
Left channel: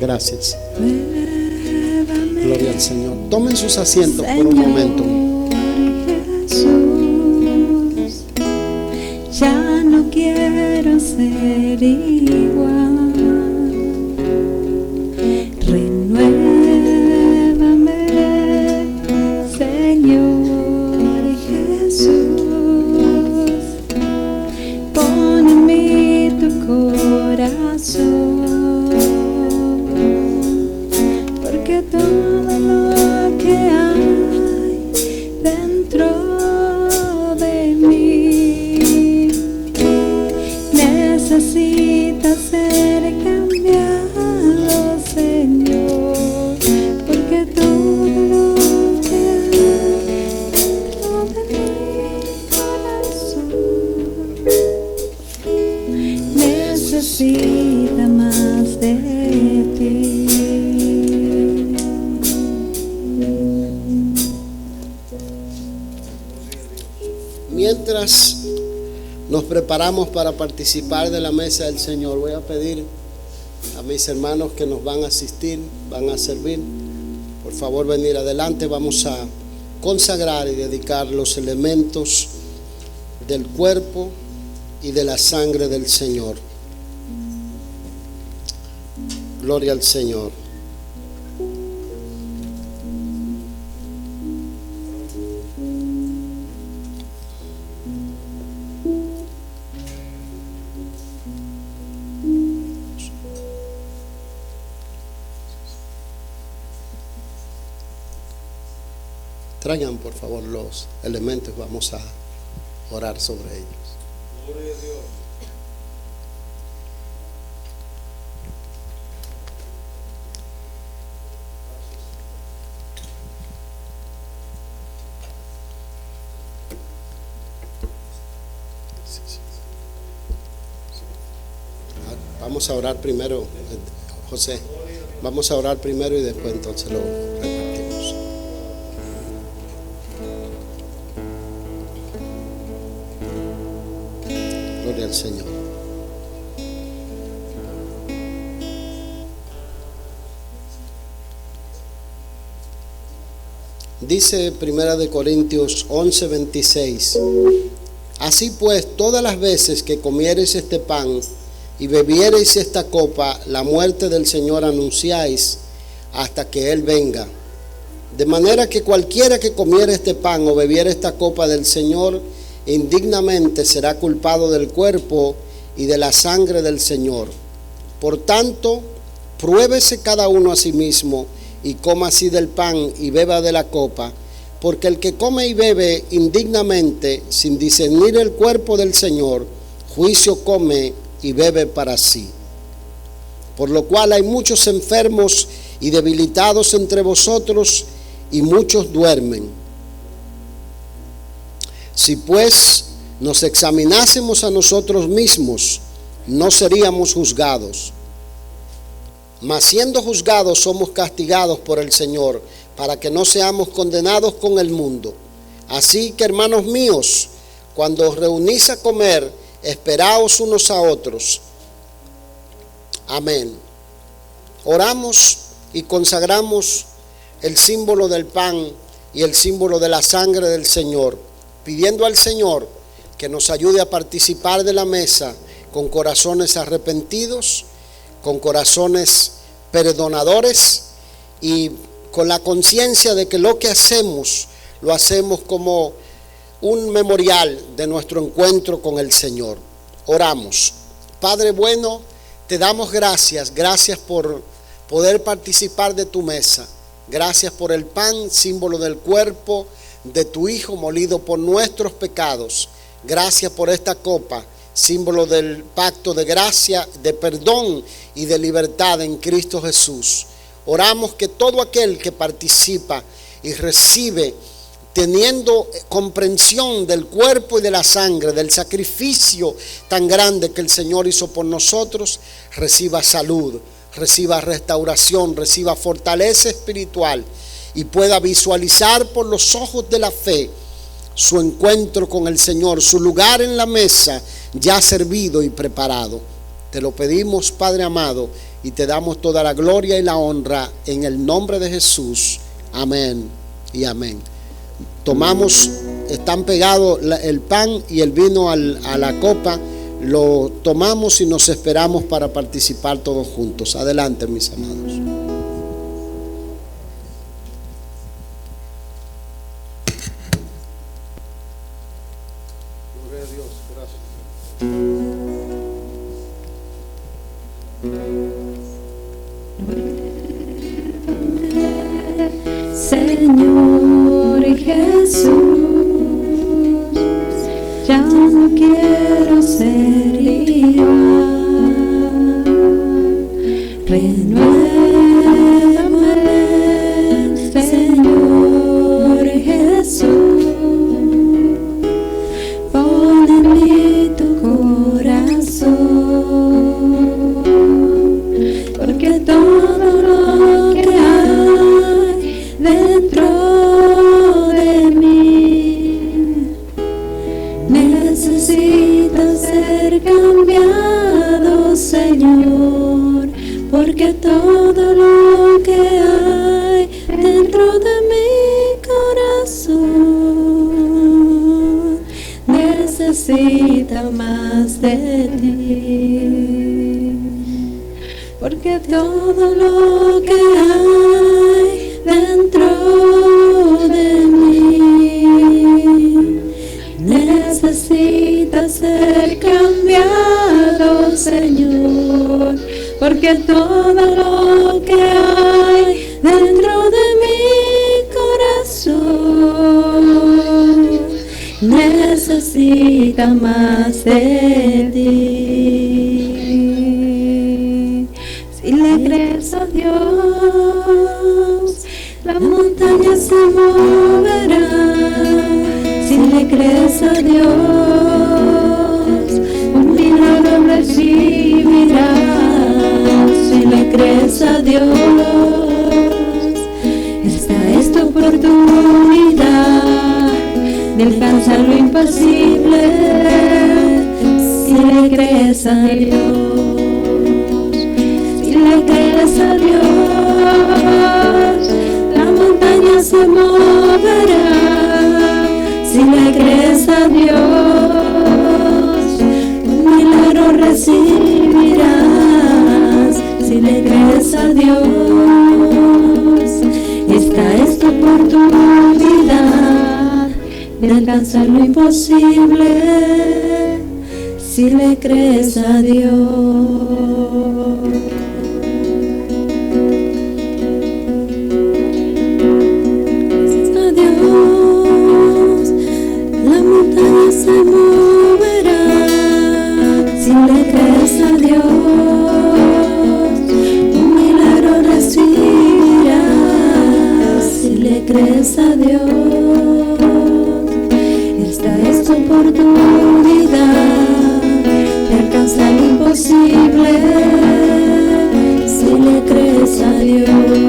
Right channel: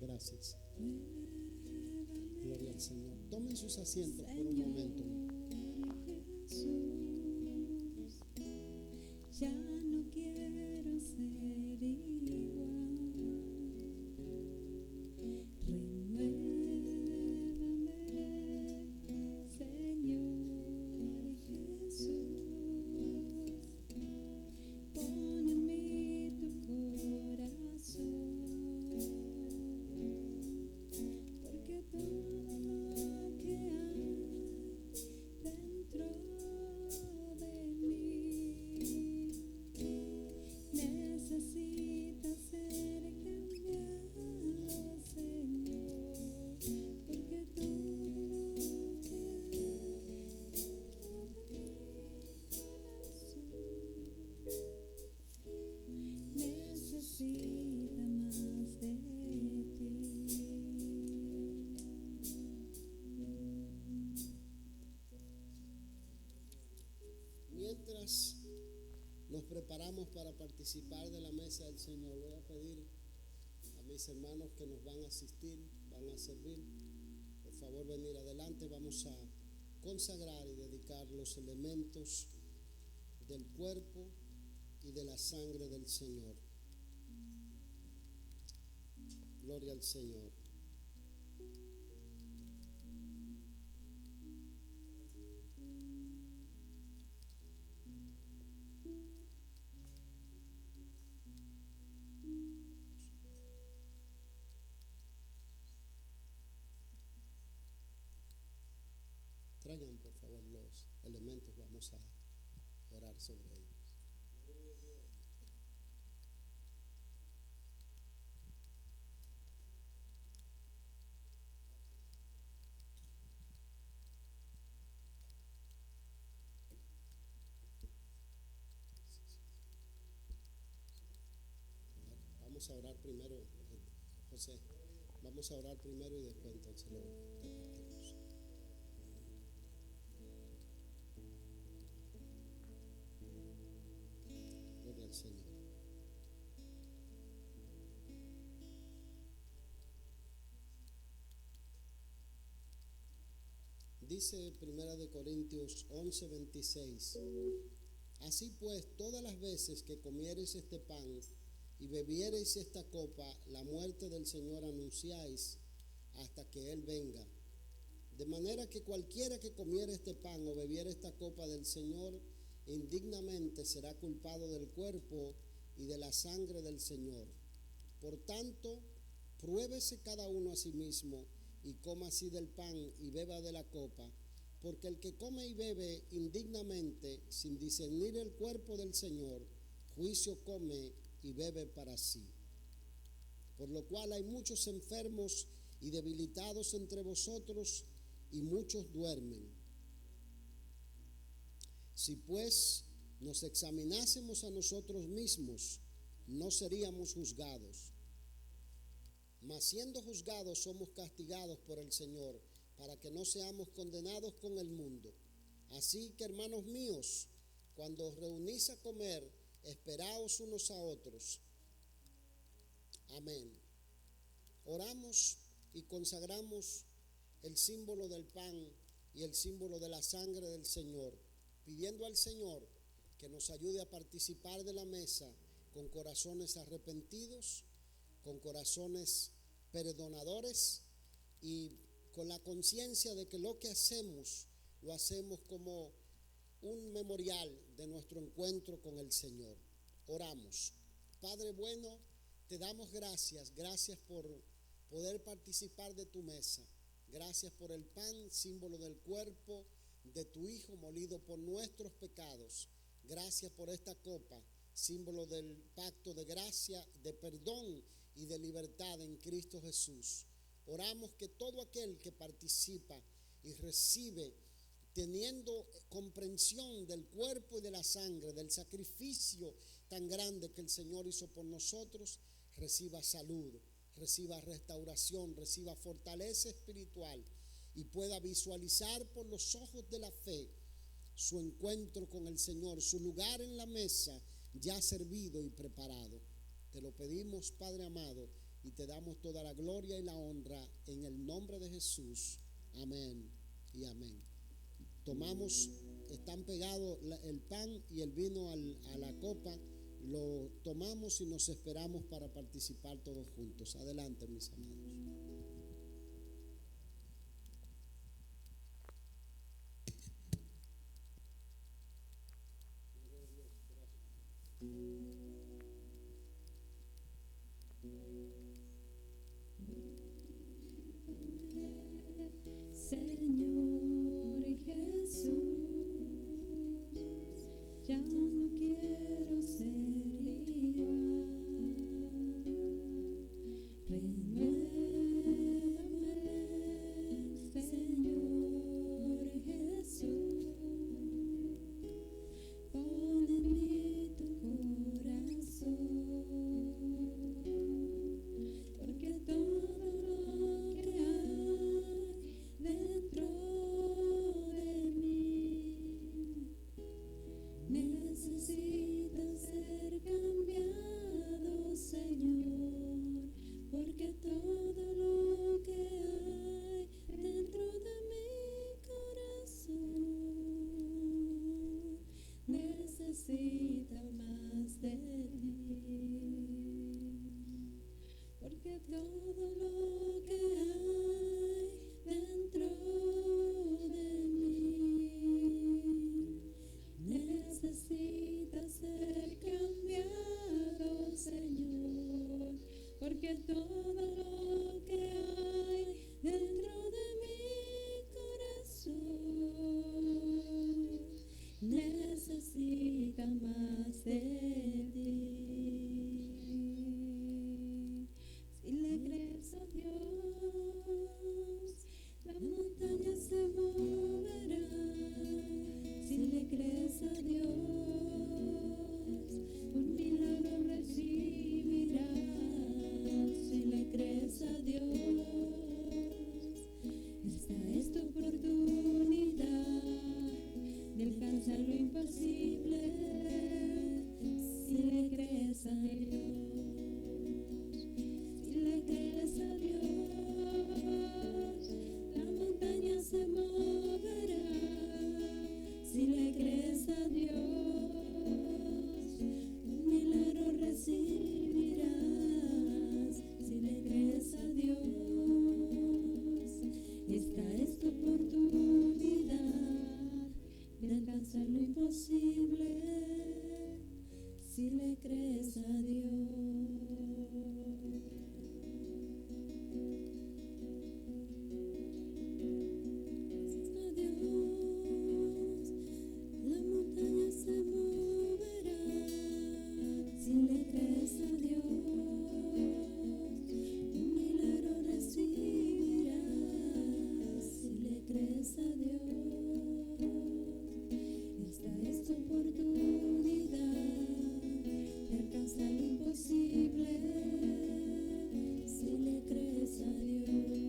Gracias. Gloria al Señor. Tomen sus asientos por un momento. Jesús, ya no quiero ser igual. Renuévame, Señor Jesús. Pon en mí tu corazón. Todo lo que hay dentro de mí necesita ser cambiado, Señor, porque todo lo que hay dentro de mi corazón necesita más de ti. Mientras nos preparamos para participar de la mesa del Señor, voy a pedir a mis hermanos que nos van a asistir, van a servir, por favor venir adelante. Vamos a consagrar y dedicar los elementos del cuerpo y de la sangre del Señor. Gloria al Señor. Traigan por favor los elementos, vamos a orar sobre ellos. Gloria a Dios. Vamos a orar primero, José. Vamos a orar primero y después entonces lo repartimos. Gloria al Señor. Dice Primera de Corintios 11:26: Así pues, todas las veces que comiereis este pan y bebiereis esta copa, la muerte del Señor anunciáis hasta que Él venga. De manera que cualquiera que comiere este pan o bebiere esta copa del Señor indignamente será culpado del cuerpo y de la sangre del Señor. Por tanto, pruébese cada uno a sí mismo y coma así del pan y beba de la copa, porque el que come y bebe indignamente, sin discernir el cuerpo del Señor, juicio come y bebe para sí. Por lo cual hay muchos enfermos y debilitados entre vosotros, y muchos duermen. Si pues nos examinásemos a nosotros mismos, no seríamos juzgados. Mas siendo juzgados, somos castigados por el Señor, para que no seamos condenados con el mundo. Así que, hermanos míos, cuando os reunís a comer, esperaos unos a otros. Amén. Oramos y consagramos el símbolo del pan y el símbolo de la sangre del Señor, pidiendo al Señor que nos ayude a participar de la mesa con corazones arrepentidos, con corazones perdonadores y con la conciencia de que lo que hacemos, lo hacemos como un memorial de nuestro encuentro con el Señor. Oramos. Padre bueno, te damos gracias por poder participar de tu mesa. Gracias por el pan, símbolo del cuerpo de tu Hijo molido por nuestros pecados. Gracias por esta copa, símbolo del pacto de gracia, de perdón y de libertad en Cristo Jesús. Oramos que todo aquel que participa y recibe, teniendo comprensión del cuerpo y de la sangre, del sacrificio tan grande que el Señor hizo por nosotros, reciba salud, reciba restauración, reciba fortaleza espiritual y pueda visualizar por los ojos de la fe su encuentro con el Señor, su lugar en la mesa ya servido y preparado. Te lo pedimos, Padre amado, y te damos toda la gloria y la honra en el nombre de Jesús. Amén y amén. Tomamos, están pegados el pan y el vino a la copa. Lo tomamos y nos esperamos para participar todos juntos. Adelante, mis amados. Gloria a Dios, gracias. Señor Jesús, ya no quiero ser igual. Renuévame, Señor Jesús, pon en mí tu corazón, porque todo lo que hay dentro de mí necesita ser cambiado. de ti, porque todo lo que hay dentro de mí necesita ser cambiado, Señor, porque todo lo que hay dentro de mi corazón necesita más de ti. Si le crees a Dios, la montaña se moverá. Si le crees a Dios, un milagro recibirás. Si le crees a Dios, esta es tu oportunidad de alcanzar lo imposible. Si le crees a Dios, si le crees a Dios, la montaña se moverá. Si le crees a Dios, un milagro recibirás. Si le crees a Dios, esta es tu oportunidad de alcanzar lo imposible. Si le crees a Dios. Se moverá. Si le crees a Dios, un milagro recibirás. Si le crees a Dios, esta es tu oportunidad de alcanzar lo imposible. Si le crees a Dios,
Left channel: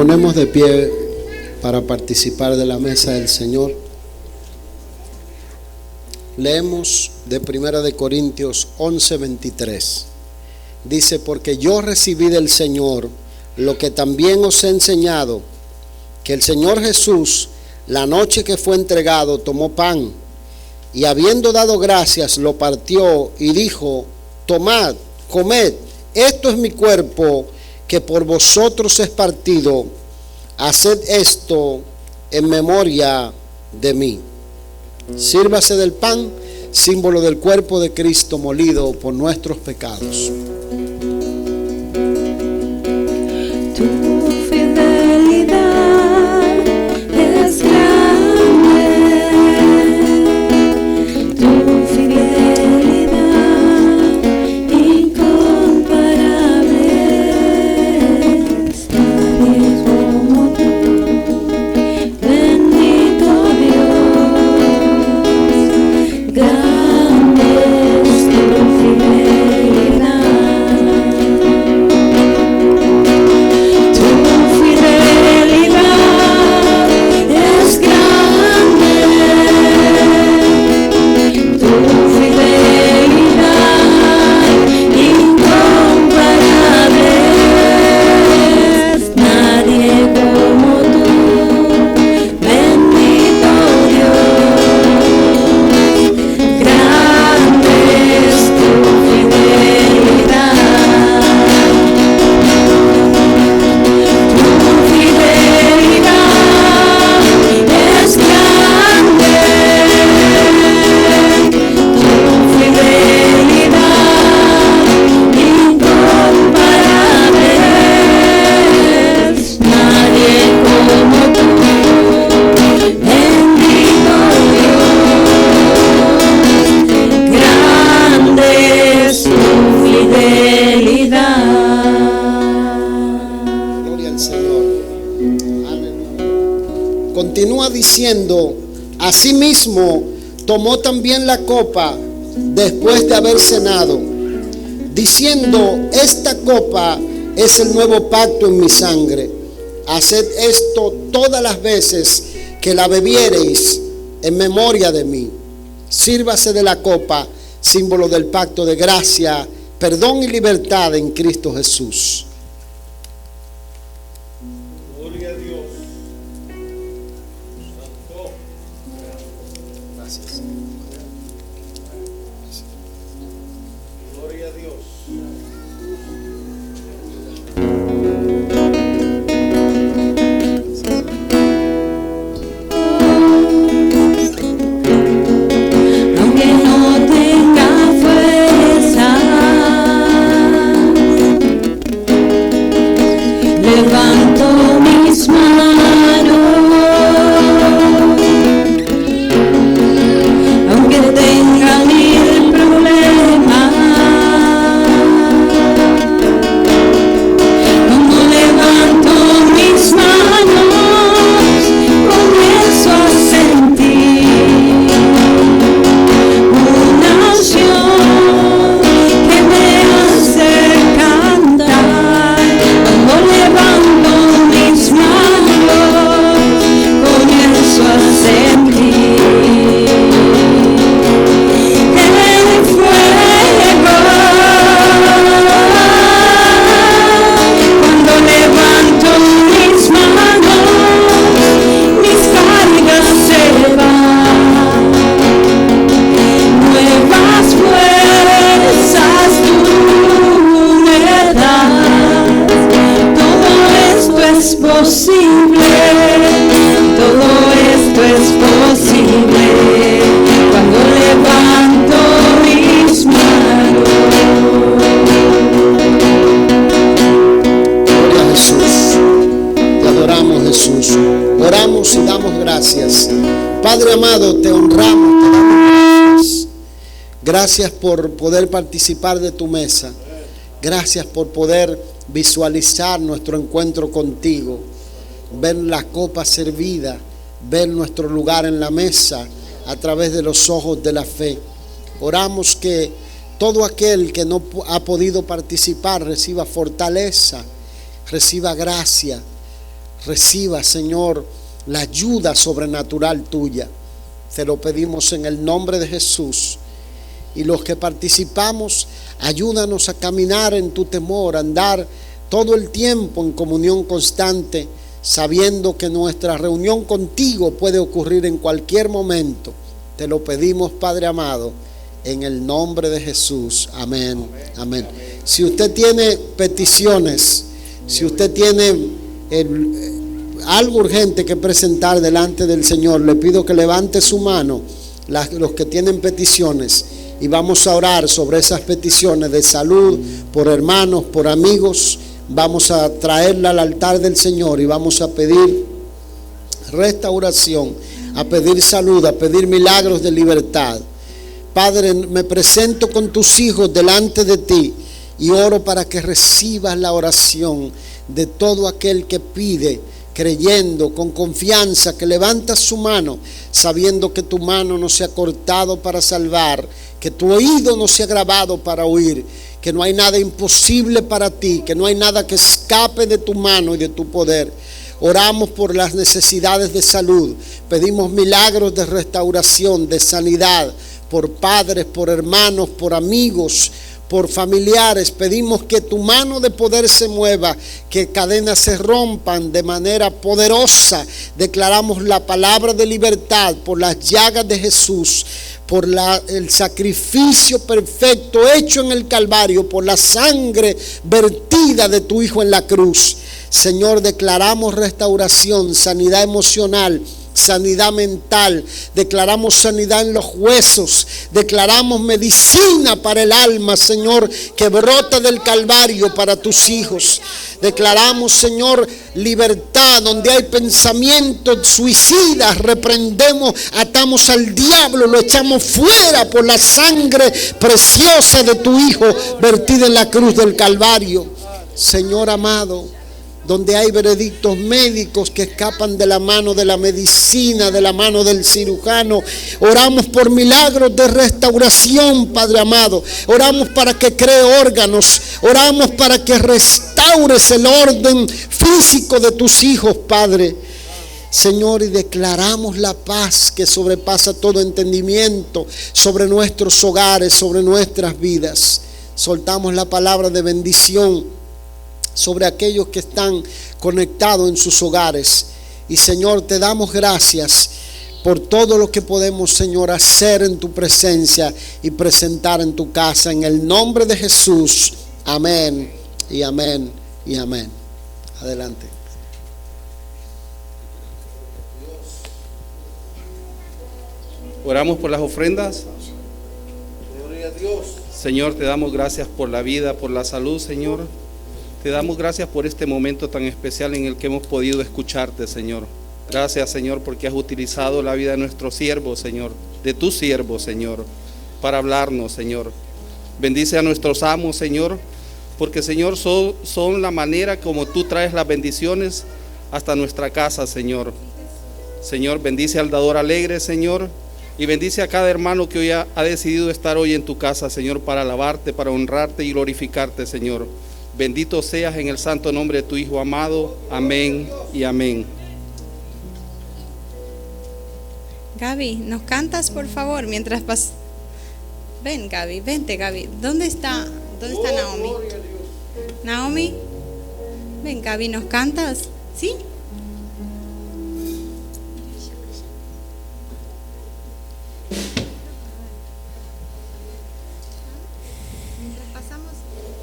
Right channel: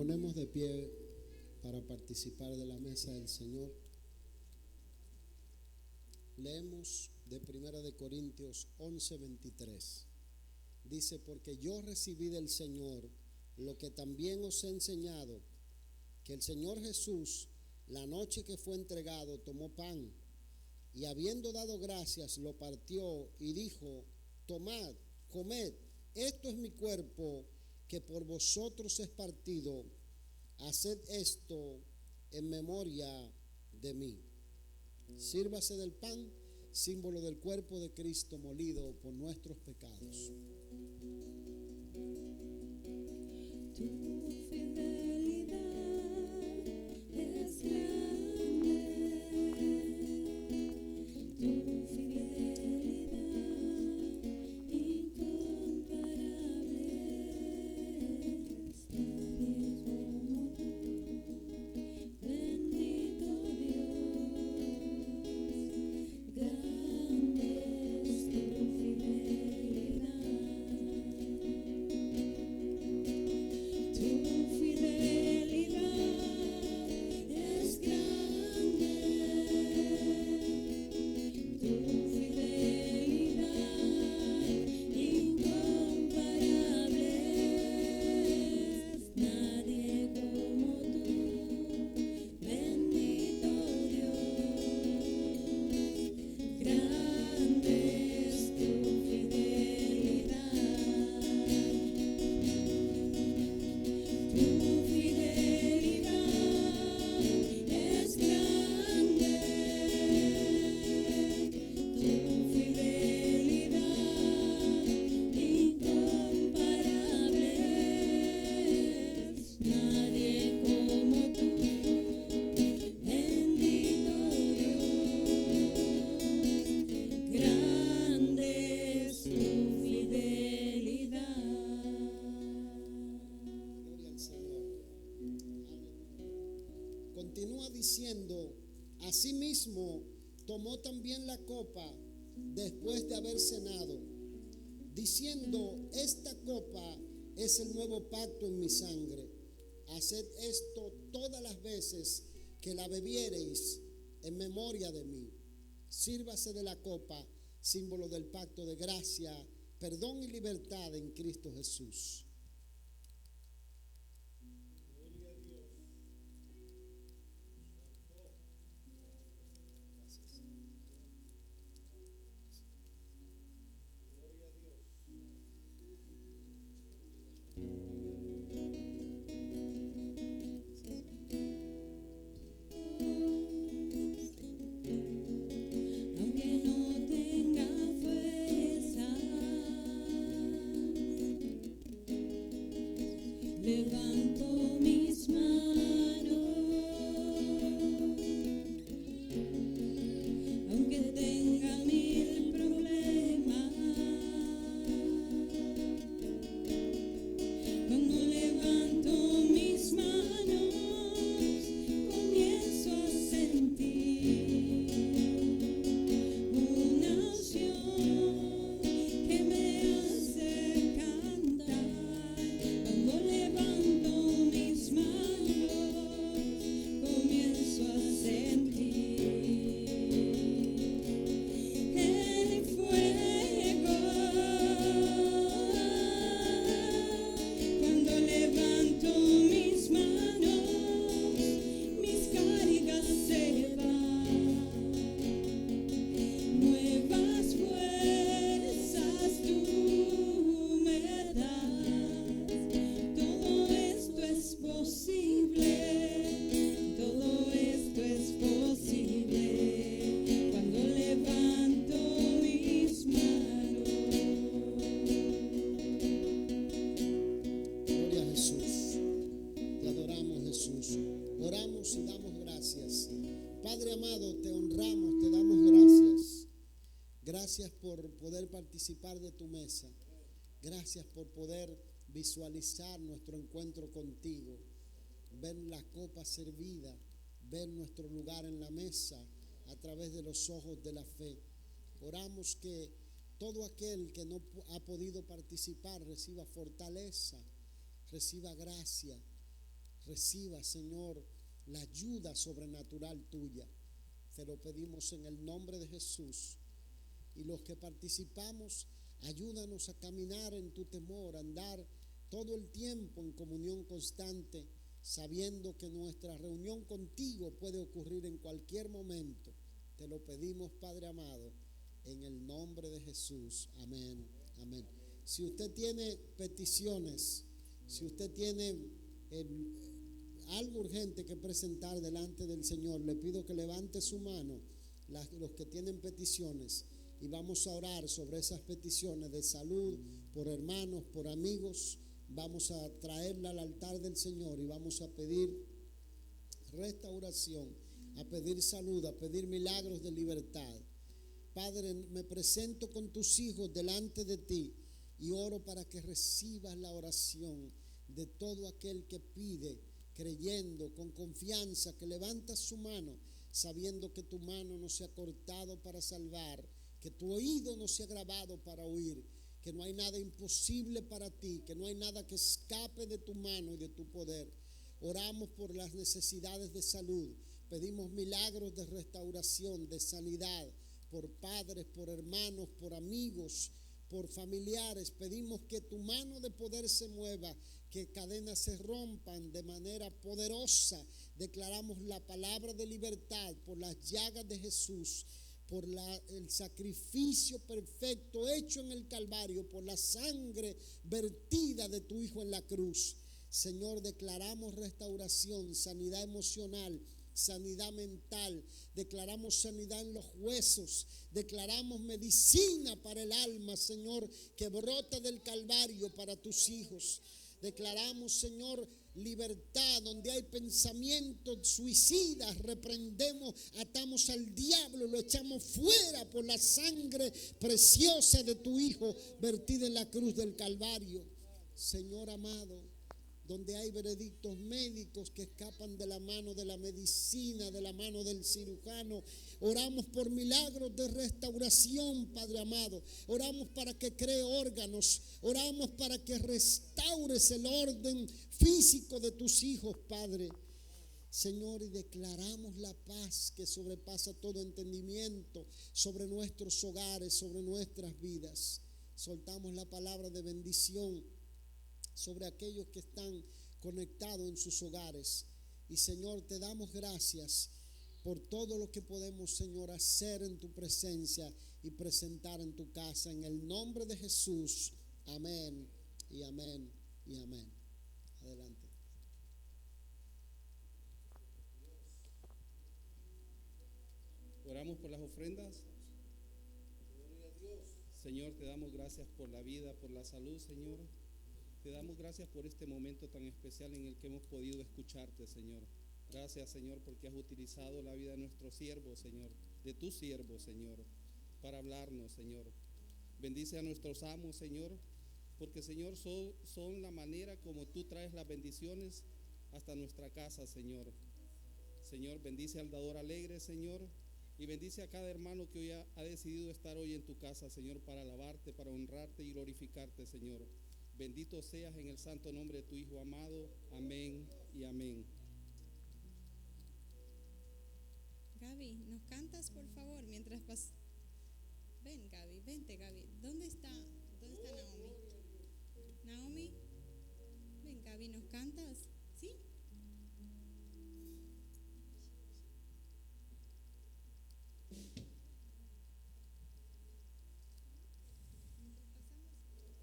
Ponemos de pie para participar de la mesa del Señor. Leemos de 1 de Corintios 11:23. Dice: porque yo recibí del Señor lo que también os he enseñado, que el Señor Jesús, la noche que fue entregado, tomó pan, y habiendo dado gracias, lo partió y dijo: tomad, comed, esto es mi cuerpo, que por vosotros es partido. Haced esto en memoria de mí. Sírvase del pan, símbolo del cuerpo de Cristo molido por nuestros pecados. Tu fidelidad es grande, tu fidelidad incomparable. Nadie como tú, bendito Dios, grande es tu fidelidad. continúa diciendo, asimismo tomó también la copa después de haber cenado, diciendo, esta copa es el nuevo pacto en mi sangre. Haced esto todas las veces que la bebiereis en memoria de mí. Sírvase de la copa, símbolo del pacto de gracia, perdón y libertad en Cristo Jesús. Gloria a Dios. Santo. Gracias. Gloria a Dios. Aunque no tenga fuerza, levanto mis manos. Aunque tenga mil problemas, cuando levanto mis manos, comienzo a sentir una unción que me hace cantar. Cuando levanto mis manos, comienzo a sentir el fuego. Cuando levanto mis manos, mis cargas se van. Nuevas fuerzas tú me das. Todo esto es posible. Todo esto es posible. Cuando levanto mis manos. Gloria a Jesús. Te adoramos, Jesús. Oramos y damos gracias. Padre amado, te honramos, te damos gracias. Gracias por poder participar de tu mesa. Gracias por poder visualizar nuestro encuentro contigo. Ver la copa servida, ver nuestro lugar en la mesa a través de los ojos de la fe. Oramos que todo aquel que no ha podido participar reciba fortaleza, reciba gracia, reciba, Señor, la ayuda sobrenatural tuya. Te lo pedimos en el nombre de Jesús. Y los que participamos, ayúdanos a caminar en tu temor, a andar todo el tiempo en comunión constante, sabiendo que nuestra reunión contigo puede ocurrir en cualquier momento. Te lo pedimos, Padre amado, en el nombre de Jesús. Amén. Amén. Si usted tiene peticiones, si usted tiene algo urgente que presentar delante del Señor, le pido que levante su mano, los que tienen peticiones, y vamos a orar sobre esas peticiones de salud, por hermanos, por amigos. Vamos a traerla al altar del Señor y vamos a pedir restauración, a pedir salud, a pedir milagros de libertad. Padre, me presento con tus hijos delante de ti y oro para que recibas la oración de todo aquel que pide, creyendo, con confianza, que levanta su mano, sabiendo que tu mano no se ha cortado para salvar, que tu oído no se ha grabado para oír, que no hay nada imposible para ti, que no hay nada que escape de tu mano y de tu poder. Oramos por las necesidades de salud, pedimos milagros de restauración, de sanidad, por padres, por hermanos, por amigos, por familiares. Pedimos que tu mano de poder se mueva, que cadenas se rompan de manera poderosa. Declaramos la palabra de libertad por las llagas de Jesús, por el sacrificio perfecto hecho en el Calvario, por la sangre vertida de tu Hijo en la cruz. Señor, declaramos restauración, sanidad emocional, sanidad mental, declaramos sanidad en los huesos, declaramos medicina para el alma, Señor, que brota del Calvario para tus hijos. Declaramos, Señor, libertad donde hay pensamientos suicidas. Reprendemos, atamos al diablo, lo echamos fuera por la sangre preciosa de tu Hijo vertida en la cruz del Calvario. Señor amado, donde hay veredictos médicos que escapan de la mano de la medicina, de la mano del cirujano. Oramos por milagros de restauración, Padre amado. Oramos para que cree órganos. Oramos para que restaures el orden físico de tus hijos, Padre. Señor, y declaramos la paz que sobrepasa todo entendimiento sobre nuestros hogares, sobre nuestras vidas. Soltamos la palabra de bendición sobre aquellos que están conectados en sus hogares. Y Señor, te damos gracias por todo lo que podemos, Señor, hacer en tu presencia y presentar en tu casa. En el nombre de Jesús. Amén y amén y amén. Adelante. Oramos por las ofrendas. Gloria a Dios. Señor, te damos gracias por la vida, por la salud, Señor. Te damos gracias por este momento tan especial en el que hemos podido escucharte, Señor. Gracias, Señor, porque has utilizado la vida de nuestro siervo, Señor, de tu siervo, Señor, para hablarnos, Señor. Bendice a nuestros amos, Señor, porque, Señor, son la manera como tú traes las bendiciones hasta nuestra casa, Señor. Señor, bendice al dador alegre, Señor, y bendice a cada hermano que hoy ha decidido estar hoy en tu casa, Señor, para alabarte, para honrarte y glorificarte, Señor. Bendito seas en el santo nombre de tu Hijo amado. Amén y amén. Gaby, ¿nos cantas por favor mientras pasas? Ven, Gaby, vente, Gaby. ¿Dónde está Naomi? Naomi, ven, Gaby, ¿nos cantas? ¿Sí?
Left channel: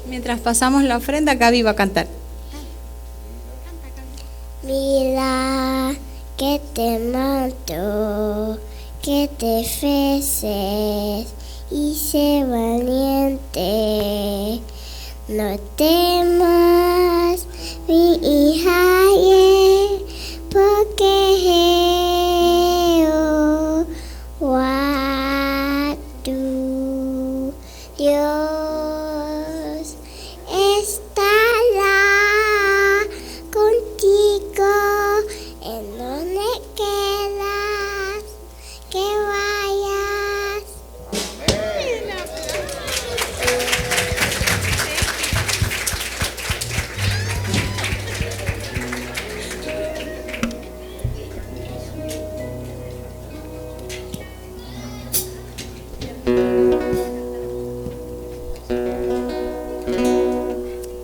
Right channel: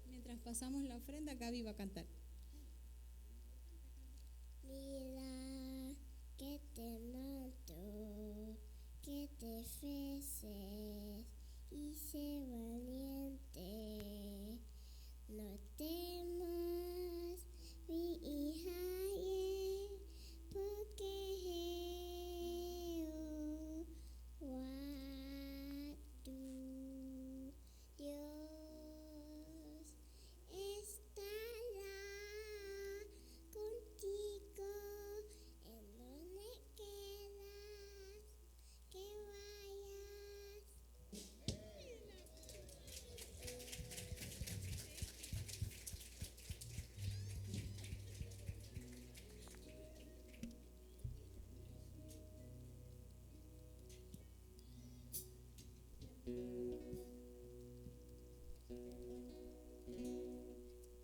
Mientras pasamos la ofrenda, Gaby va a cantar. Mira que te mato, que te ofreces y sé valiente. No temas, mi hija, porque Jehová tu Dios estará contigo en donde quieras que vayas.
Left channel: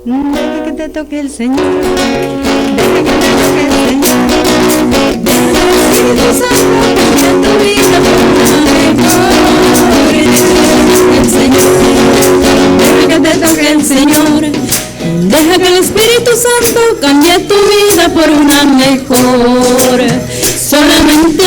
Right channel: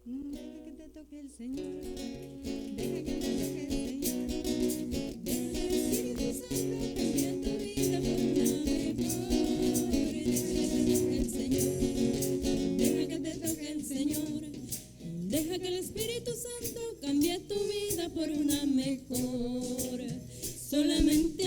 Deja que te toque el Señor, deja que te toque el Señor, deja que el Espíritu Santo cambie tu vida por una mejor. El Señor, deja que te toque el Señor, deja que el Espíritu Santo cambie tu vida por una mejor. Solamente